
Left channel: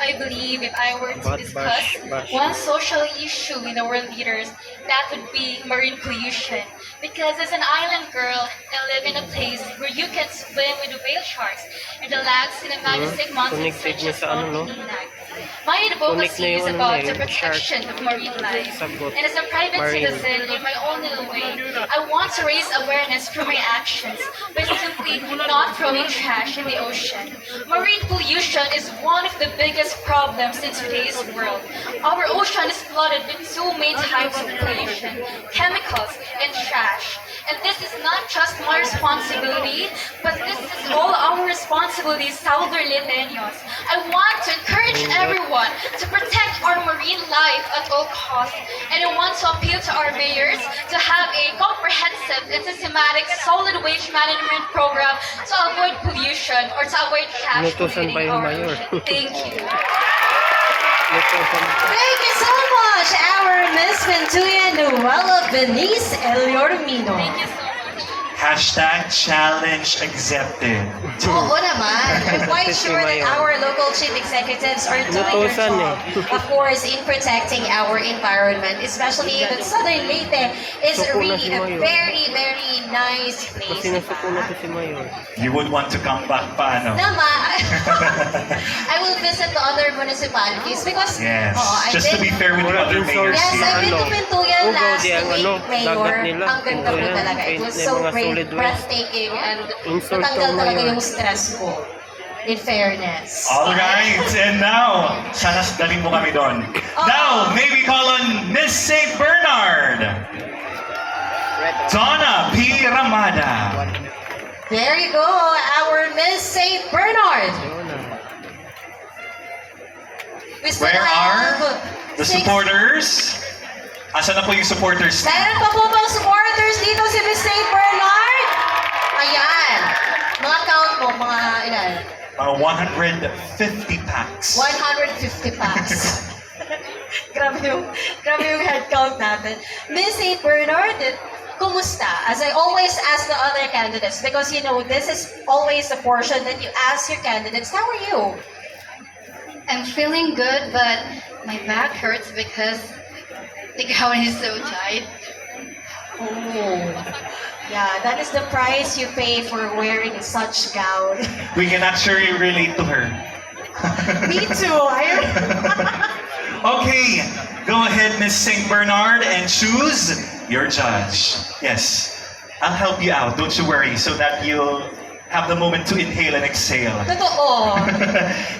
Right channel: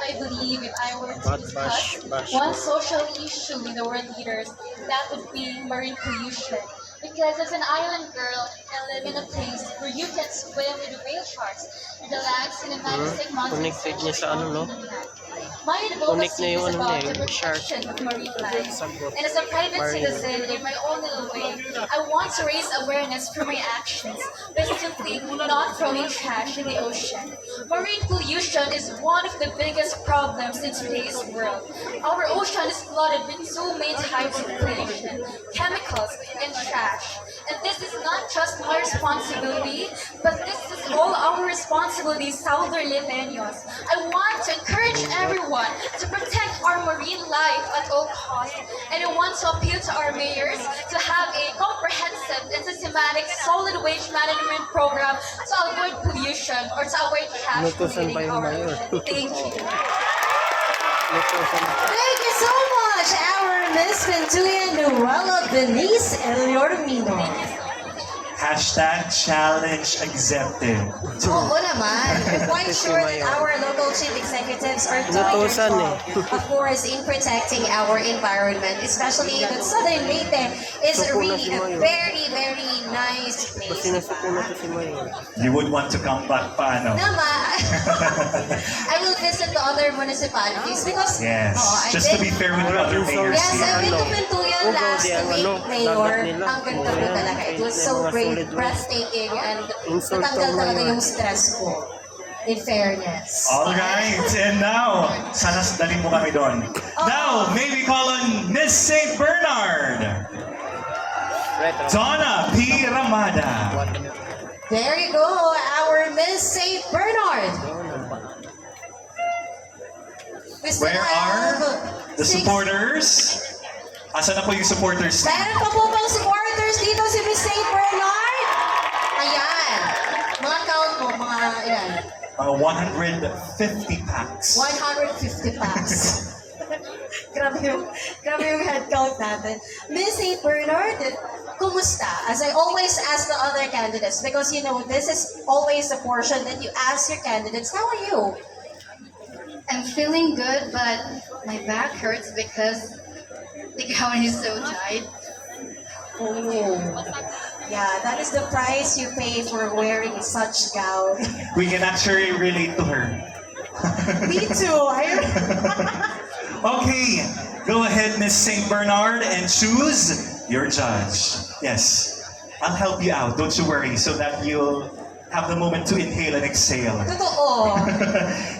I believe if I were to But discuss bash. one social issue with the world leaders, that would be marine pollution. Because as an island girl, I live in a place where you can swim with the whale sharks and relax in a majestic mountain Connected such niya as sa ano, no? Lag. My Connect na advocacy yung is ano about niya, the yung shark. protection of marine life. Sagot. And as a private Marine. citizen, in my own little way, I want to raise awareness through my actions by simply not throwing trash in the ocean. Marine pollution is one of the biggest problems in today's world. Our ocean is flooded with two main types of pollution, chemicals and trash. And this is not just my responsibility, but this is all our responsibility, Southern Leyteños. I want to encourage everyone to protect our marine life at all costs. And I want to appeal to our mayors to have a comprehensive and systematic solid waste management program to avoid pollution or to avoid trash Inutusan pa polluting yung our mayor. ocean. Thank you. Thank you so much, our Miss Ventuya Noella Benice Eliormino. Thank you so much. #challenge accepted. Oo naman. I'm quite Si sure that Mayor. our local chief executives are doing their Inutusan job, of course, in protecting our environment, especially that Southern Leyte is Suko na really si a Mayor. very, very nice Mas place. sinasuko na diba? to si Mayor. You would want to come back pa, ano? Nama, I will visit the other municipalities because Yes. I've Just to be been, fair with the Wala other din mayors yes, here. I've been to Ano? Pintuyan Ugaw, last di ang week, ano, Mayor. dagat nila. Ang ganda po Pintuyan. talaga. It was May so mga great, solid waste. breathtaking, and Insult natanggal ang talaga Mayor. yung stress ko. In fairness. All right, and now, sana daling mo kami doon. Now, may we call on Miss St. Bernard, Donna P. Ramada. There you go, our Miss St. Bernard. We still Where are have the six- supporters? Asan na po yung supporters? Meron pa po bang supporters dito si Miss St. Bernard? Ayan. Mga count mo, mga ilan? Mga 150 packs. 150 packs. grabe yung head count natin. Miss St. Bernard, kumusta? As I always ask the other candidates, because you know, this is always a portion that you ask your candidates, how are you? I'm feeling good, but my back hurts because the gown is so tight. Oh. Yeah, that is the price you pay for wearing such gown. We can actually relate to her. Me too. Okay, go ahead, Miss St. Bernard, and choose your judge. Yes, I'll help you out. Don't you worry, so that you'll have the moment to inhale and exhale. Totoo.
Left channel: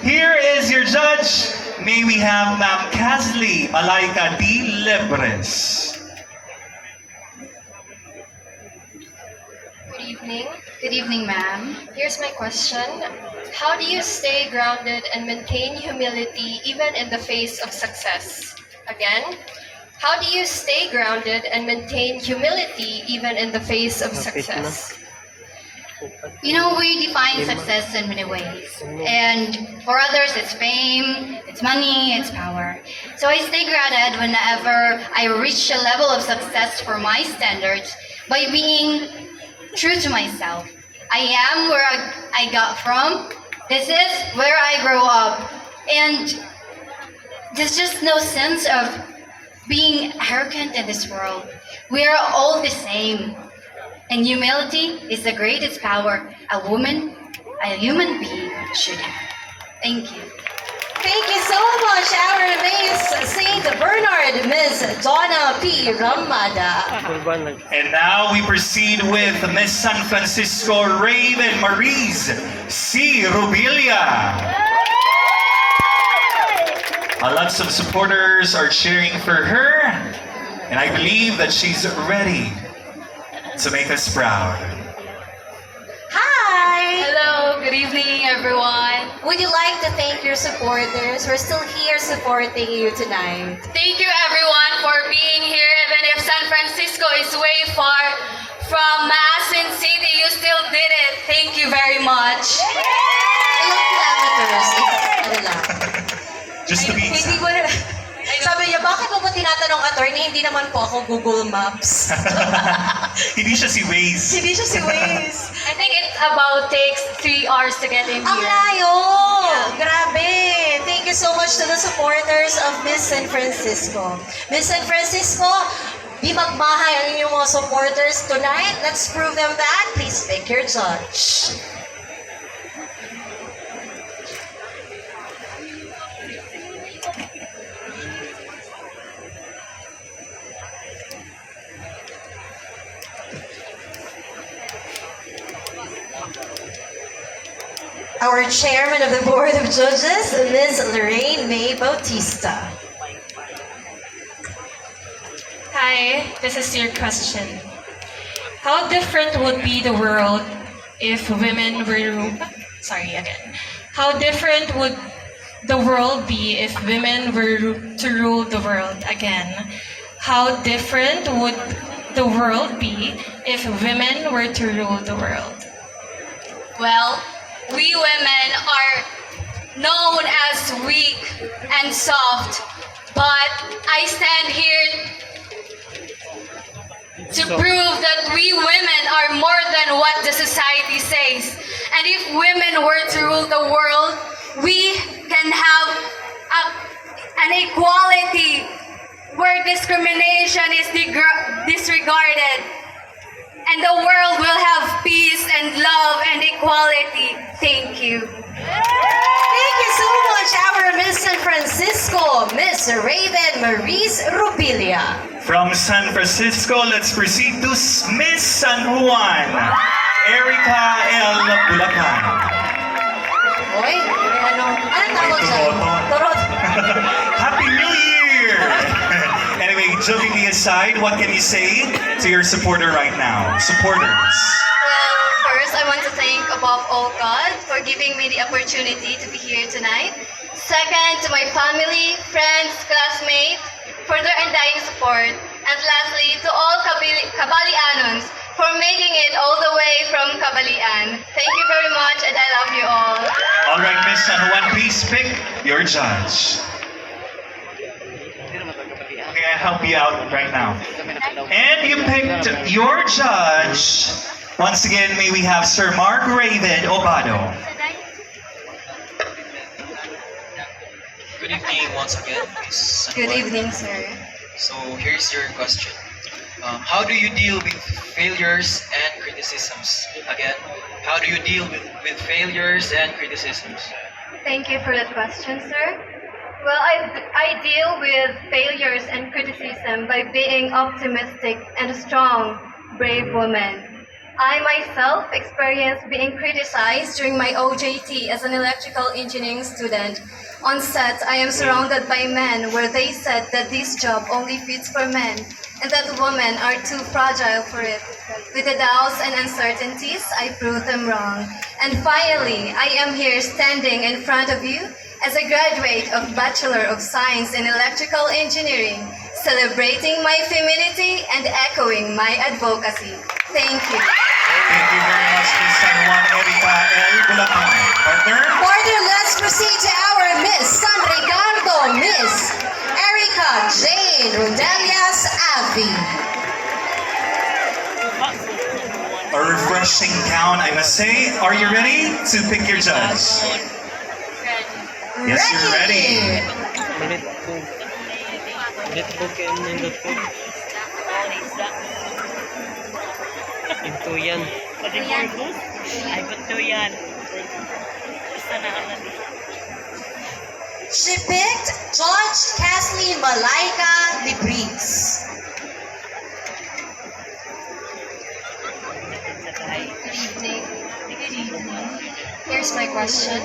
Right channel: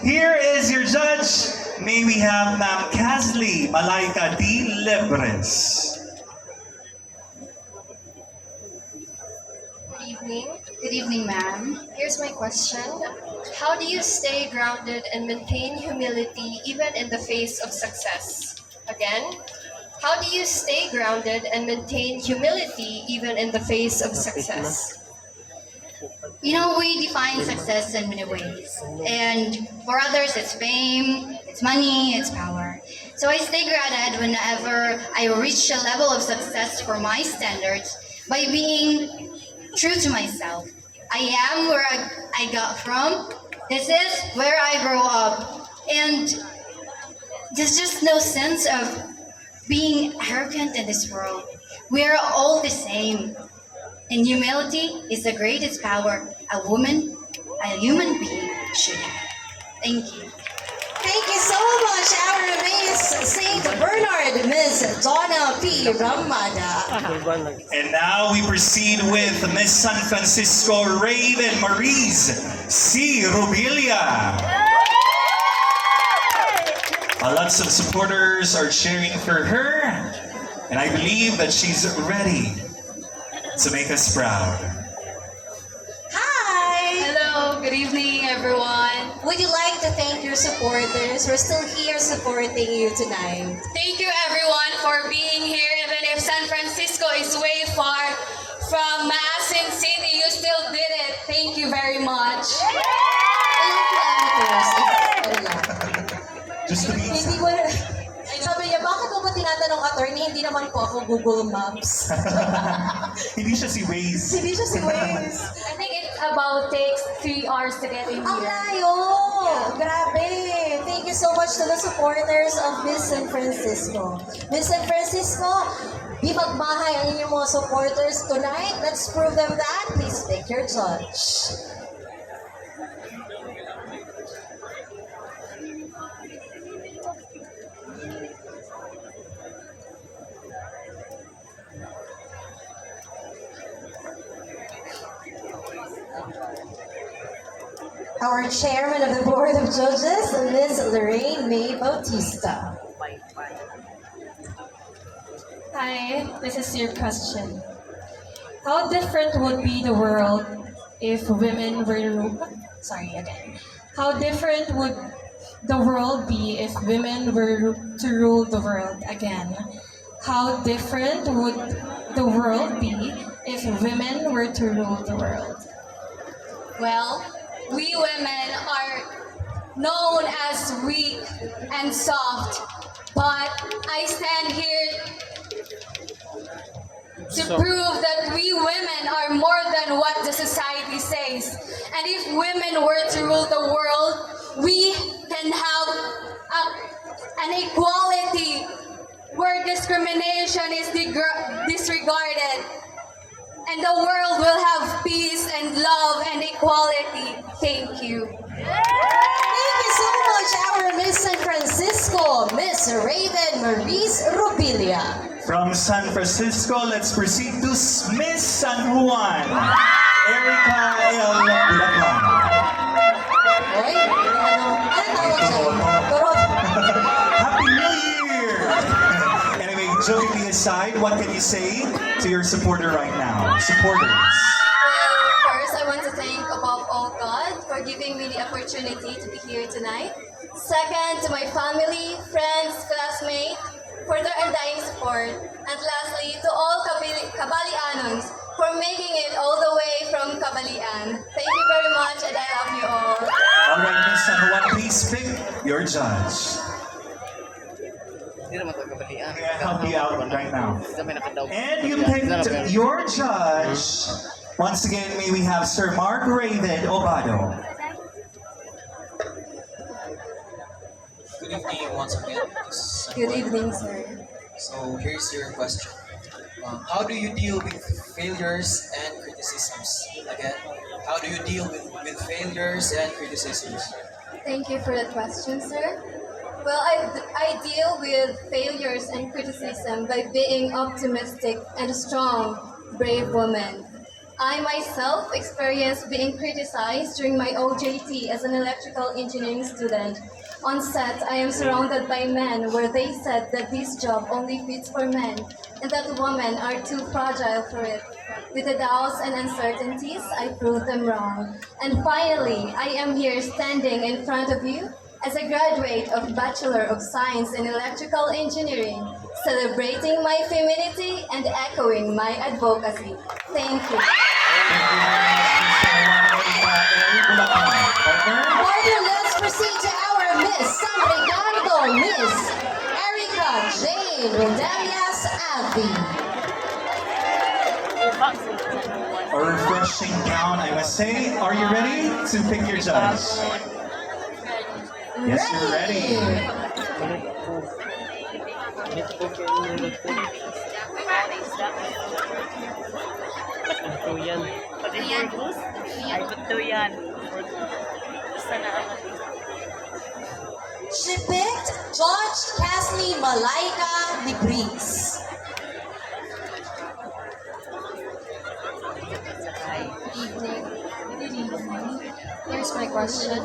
Here is your judge. May we have Ma'am Casley Malaika D. Lebres. Good evening. Good evening, ma'am. Here's my question. How do you stay grounded and maintain humility even in the face of success? Again, how do you stay grounded and maintain humility even in the face of success? You know, we define success in many ways. And for others, it's fame, it's money, it's power. So I stay grounded whenever I reach a level of success for my standards by being true to myself. I am where I got from. This is where I grew up. And there's just no sense of being arrogant in this world. We are all the same. And humility is the greatest power a woman, a human being should have. Thank you. Thank you so much, our Miss St. Bernard, Miss Donna P. Ramada. And now we proceed with Miss San Francisco Raven Maurice C. Rubilia. Lots of supporters are cheering for her, and I believe that she's ready to make us proud. Hi! Hello, good Good evening, everyone. Would you like to thank your supporters? We're still here supporting you tonight. Thank you, everyone, for being here. Even if San Francisco is way far from Maasin City, you still did it. Thank you very much. Ilang kilometers? Ano lang? Just to be Hindi ko na... Sabi niya, bakit mo ba tinatanong attorney? Hindi naman po ako Google Maps. Hindi siya si Waze. Hindi siya si Waze. I think it about takes 3 hours to get in Ang here. layo! Grabe! Thank you so much to the supporters of Miss San Francisco. Miss San Francisco, di magmahay ang inyong mga supporters tonight. Let's prove them that. Please pick your judge. Our chairman of the Board of Judges, Ms. Lorraine May Bautista. Hi, this is your question. How different would be the world if women were... Sorry, again. How different would the world be if women were to rule the world again? How different would the world be if women were to rule the world? Well, we women are known as weak and soft, but I stand here to prove that we women are more than what the society says. And if women were to rule the world, we can have an equality where discrimination is disregarded. And the world will have peace and love and equality. Thank you. Thank you so much, our Miss San Francisco, Miss Raven Maurice Rubilia. From San Francisco, let's proceed to Miss San Juan, Erica L. Bulacan. Oy, anong tawag dyan? Turot. Happy New Year! Anyway, jokingly aside, what can you say to your supporter right now? Supporters. Well, first, I want to thank above all God for giving me the opportunity to be here tonight. Second, to my family, friends, classmates, for their undying support. And lastly, to all Kabalianons for making it all the way from Kabalian. Thank you very much, and I love you all. All right, Miss San Juan, please pick your judge. Okay, I'll help you out right now. And you picked your judge. Once again, may we have Sir Mark Raven Obado. Good evening once again, Miss San Good Juan. evening, sir. So here's your question. How do you deal with failures and criticisms? Again, how do you deal with failures and criticisms? Thank you for that question, sir. Well, I deal with failures and criticism by being optimistic and a strong, brave woman. I myself experienced being criticized during my OJT as an electrical engineering student. On set, I am surrounded by men where they said that this job only fits for men and that women are too fragile for it. With the doubts and uncertainties, I proved them wrong. And finally, I am here standing in front of you as a graduate of Bachelor of Science in Electrical Engineering, celebrating my femininity and echoing my advocacy. Thank you. Thank you very much, Miss San Juan, Erica L. Bulacan. Partner? Partner, let's proceed to our Miss San Ricardo, Miss Erica Jane Rodelias Avi. A refreshing gown, I must say. Are you ready to pick your judge? Yes, you're ready. Ito yan. Ay, ba't yan? Basta na ka na She picked Judge Kathleen Malaika Libris. Good evening. Here's my question.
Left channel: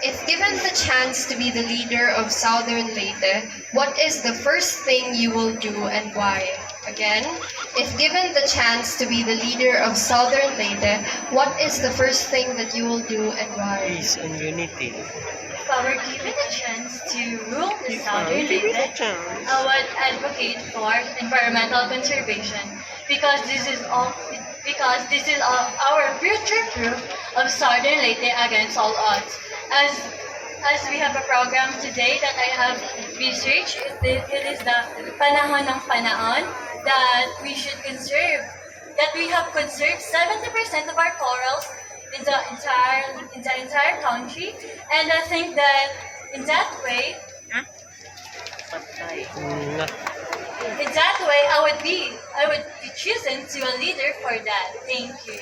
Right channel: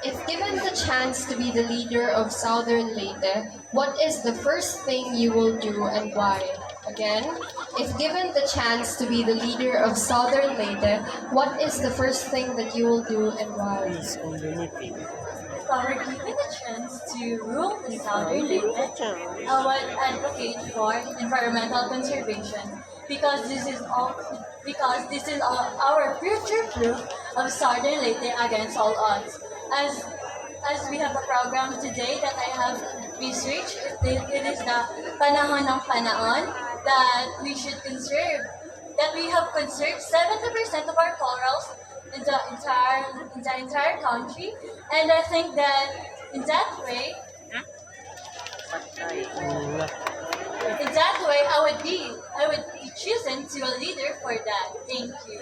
If given the chance to be the leader of Southern Leyte, what is the first thing you will do and why? Again, if given the chance to be the leader of Southern Leyte, what is the first thing that you will do and why? Peace and unity. If I were given a chance to rule the Southern Leyte, I would advocate for environmental conservation because this is our future proof of Southern Leyte against all odds. As we have a program today that I have researched, it is the panahon ng panahon that we should conserve, that we have conserved 70% of our corals in the entire country, and I think that in that way, I would be chosen to a leader for that. Thank you.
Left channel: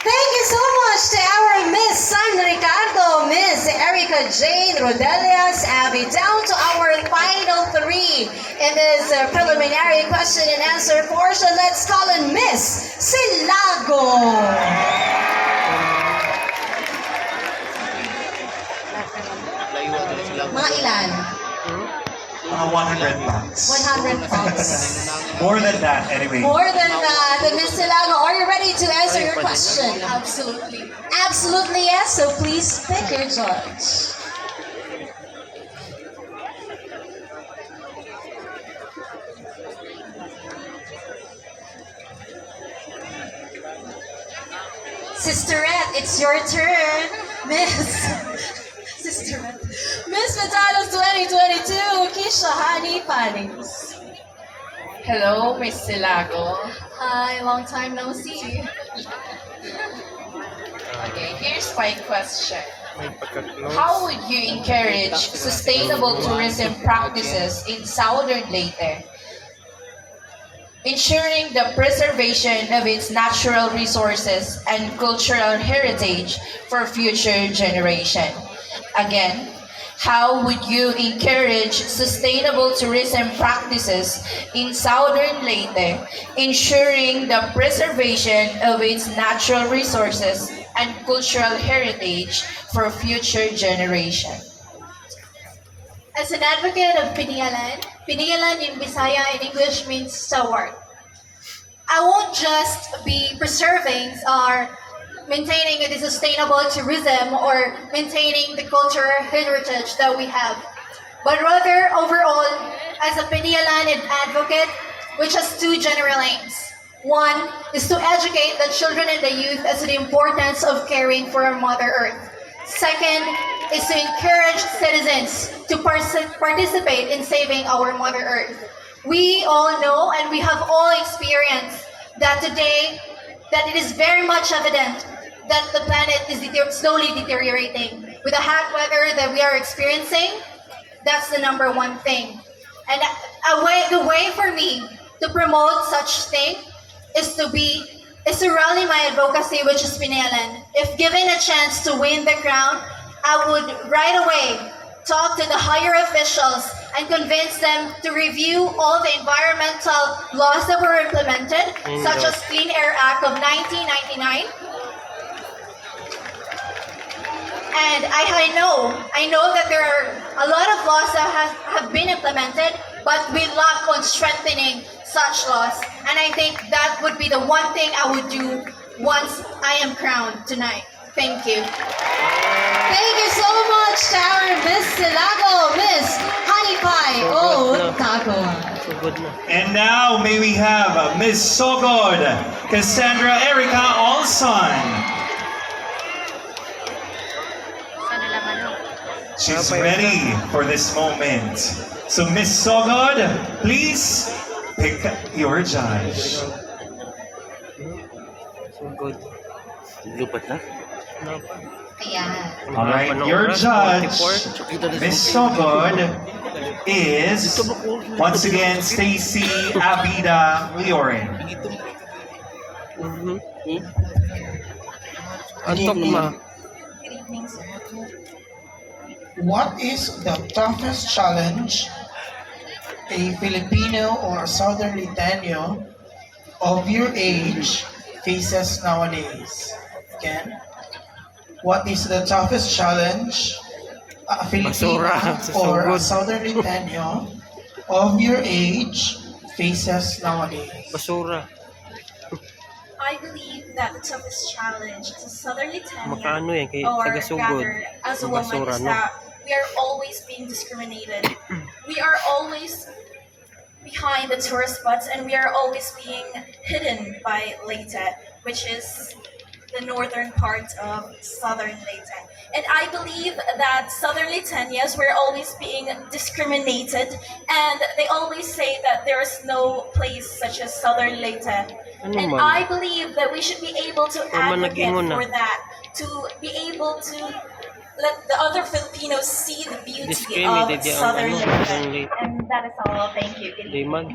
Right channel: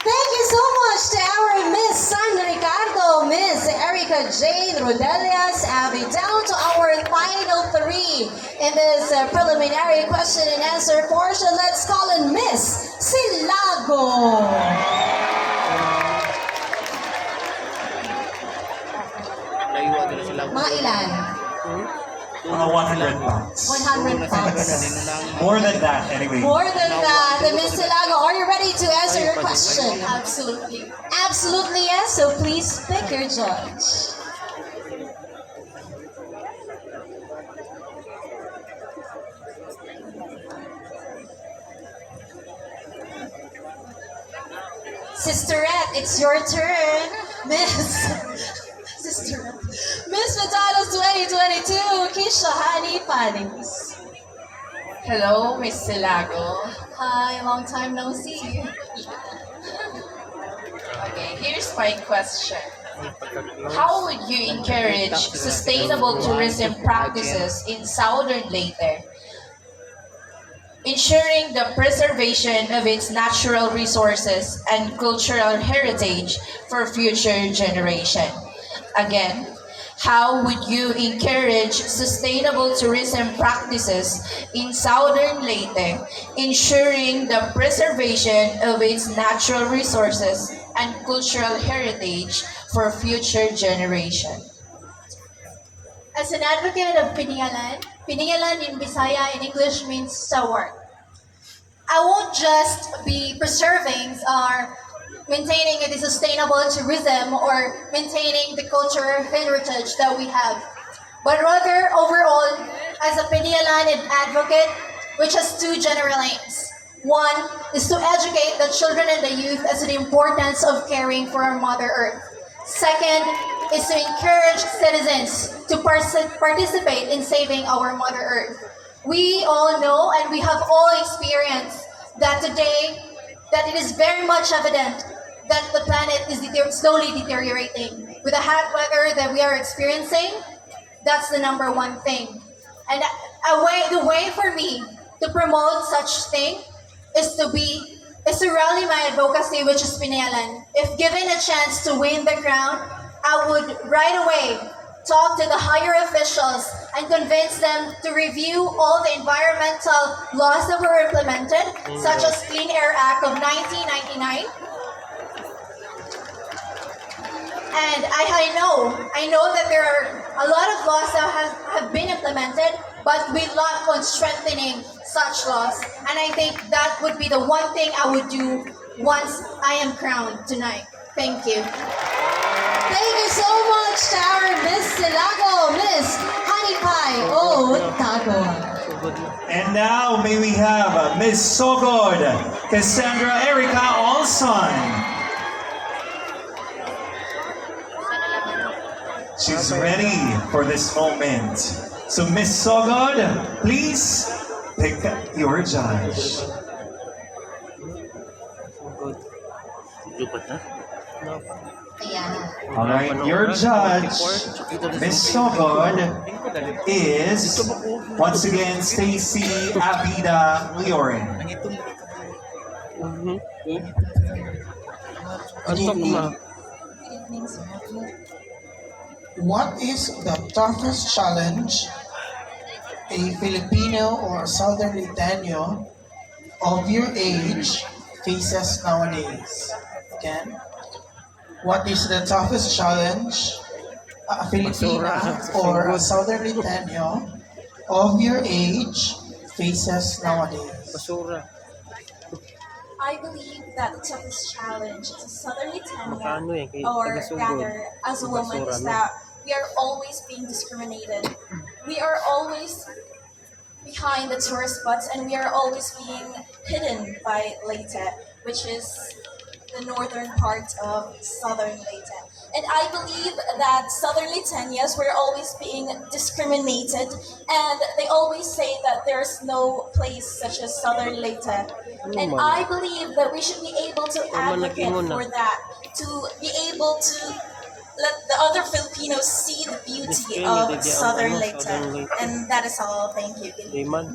Thank you so much to our Miss San Ricardo, Miss Erica Jane Rodelias Avi. Down to our final three in this preliminary question and answer portion. Let's call in Miss Silago. Mga ilan? Mga 100 bucks. 100 bucks. More than that, anyway. More than that, Miss Silago, are you ready to answer your question? Absolutely. Absolutely yes, so please pick your judge. Sisterette, it's your turn. Sisterette. Miss Matalos 2022, Kisha Hani Panis. Hello, Miss Silago. Hi, long time no see. Okay, here's my question. How would you encourage sustainable tourism practices in Southern Leyte, ensuring the preservation of its natural resources and cultural heritage for future generations? Again, how would you encourage sustainable tourism practices in Southern Leyte, ensuring the preservation of its natural resources and cultural heritage for future generations? As an advocate of Pinialan, Pinialan in Bisaya in English means stalwart. I won't just be preserving or maintaining the sustainable tourism or maintaining the cultural heritage that we have, but rather overall, as a Pinialan advocate, which has two general aims. One is to educate the children and the youth as to the importance of caring for our Mother Earth. Second is to encourage citizens to participate in saving our Mother Earth. We all know and we have all experienced that today that it is very much evident that the planet is slowly deteriorating. With the hot weather that we are experiencing, that's the number one thing. And the way for me to promote such thing is to rally my advocacy, which is Pinalan. If given a chance to win the crown, I would right away talk to the higher officials and convince them to review all the environmental laws that were implemented, such as Clean Air Act of 1999. And I know that there are a lot of laws that have been implemented, but we lack on strengthening such laws. And I think that would be the one thing I would do once I am crowned tonight. Thank you. Thank you so much to our Miss Silago, Miss Honey Pie Otago. And now may we have Miss Sogod, Cassandra Erica Olson. She's ready for this moment. So Miss Sogod, please pick your judge. Good. Lupat na? Ayan. Alright, your judge, Miss Sogod, is once again Stacy Abida Leorin. Good evening. What is the toughest challenge a Filipino or a Southern Leyteño of your age faces nowadays? Again, what is the toughest challenge a Filipino or a Southern Leyteño of your age faces nowadays? Basura. I believe that the toughest challenge as a Southern Magkano yan? Lithuania, Kay or taga-sugod. rather as a woman, Basura, is no? that we are always being discriminated. We are always behind the tourist spots, and we are always being hidden by Leyte, which is the northern part of southern Leyte. And I believe that southern Litanias were always being discriminated, and they always say that there's no place such as southern Leyte. And man? I believe that we should be able to man advocate nag-ingon na? for that, to be able to let the other Filipinos see the beauty Discriminated of yan, southern Southern Leyte. Leyte. And that is all. Thank you. Good Di man.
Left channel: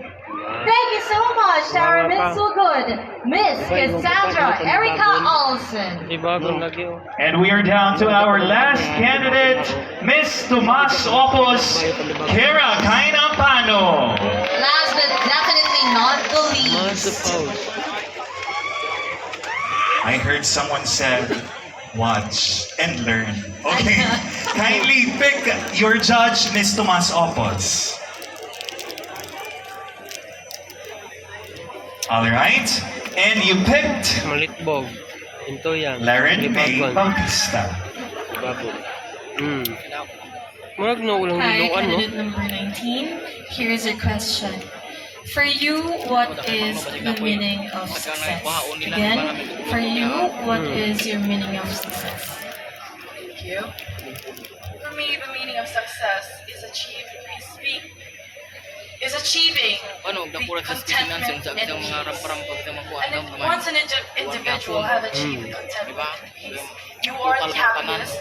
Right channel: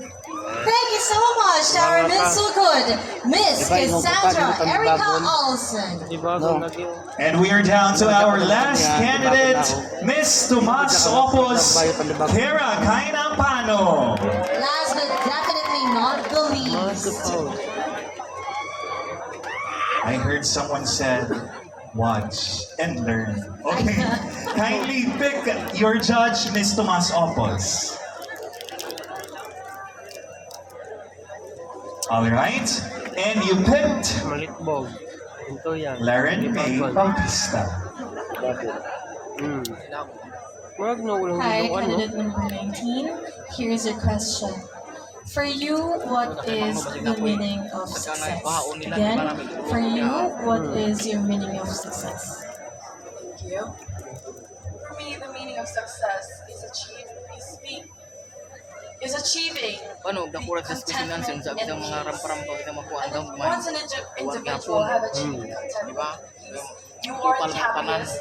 Thank you so much to our Wala Miss pa. Sugod, Miss Cassandra Erica Olsen. Di bagong lagi oh. And we are down to our last candidate, Miss Tomas Opos, Kara Kainampano. Last but definitely not the Mas least. suppose. I heard someone said, watch and learn. Okay, kindly pick your judge, Miss Tomas Opos. All right, and you picked Malitbog. Ito yan. Laren May Libagon. Bautista. Libagon. Magno ulang Hi, niluan, no? candidate number 19. Here's your question. For you, what is the meaning of success? Again, for you, what is your meaning of success? Thank you. For me, the meaning of success is achieving the contentment and peace. And if once an individual have achieved the contentment and peace, you are the happiest,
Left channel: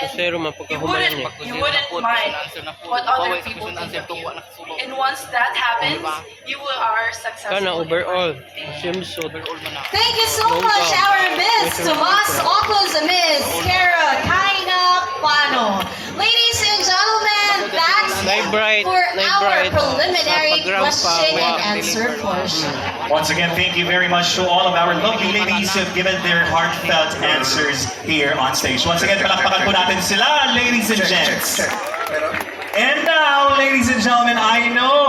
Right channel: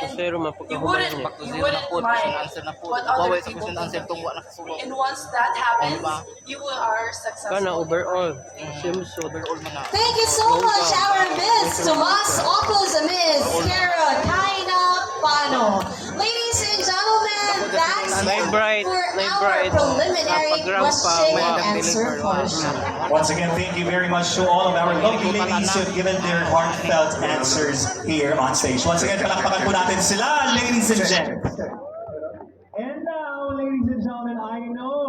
and Zero man pagkahumayan niya. you wouldn't mind what other people think of you. And once that happens, you are successful. Kana overall. Swimsuit. Thank you so much, our Miss Tomas Opos, Miss Kara Kainampano. Ladies and gentlemen, that's it for our preliminary question and answer portion. Once again, thank you very much to all of our lovely ladies who have given their heartfelt answers here on stage. Once again, palakpakan po natin sila, ladies and gents. And now, ladies and gentlemen, I know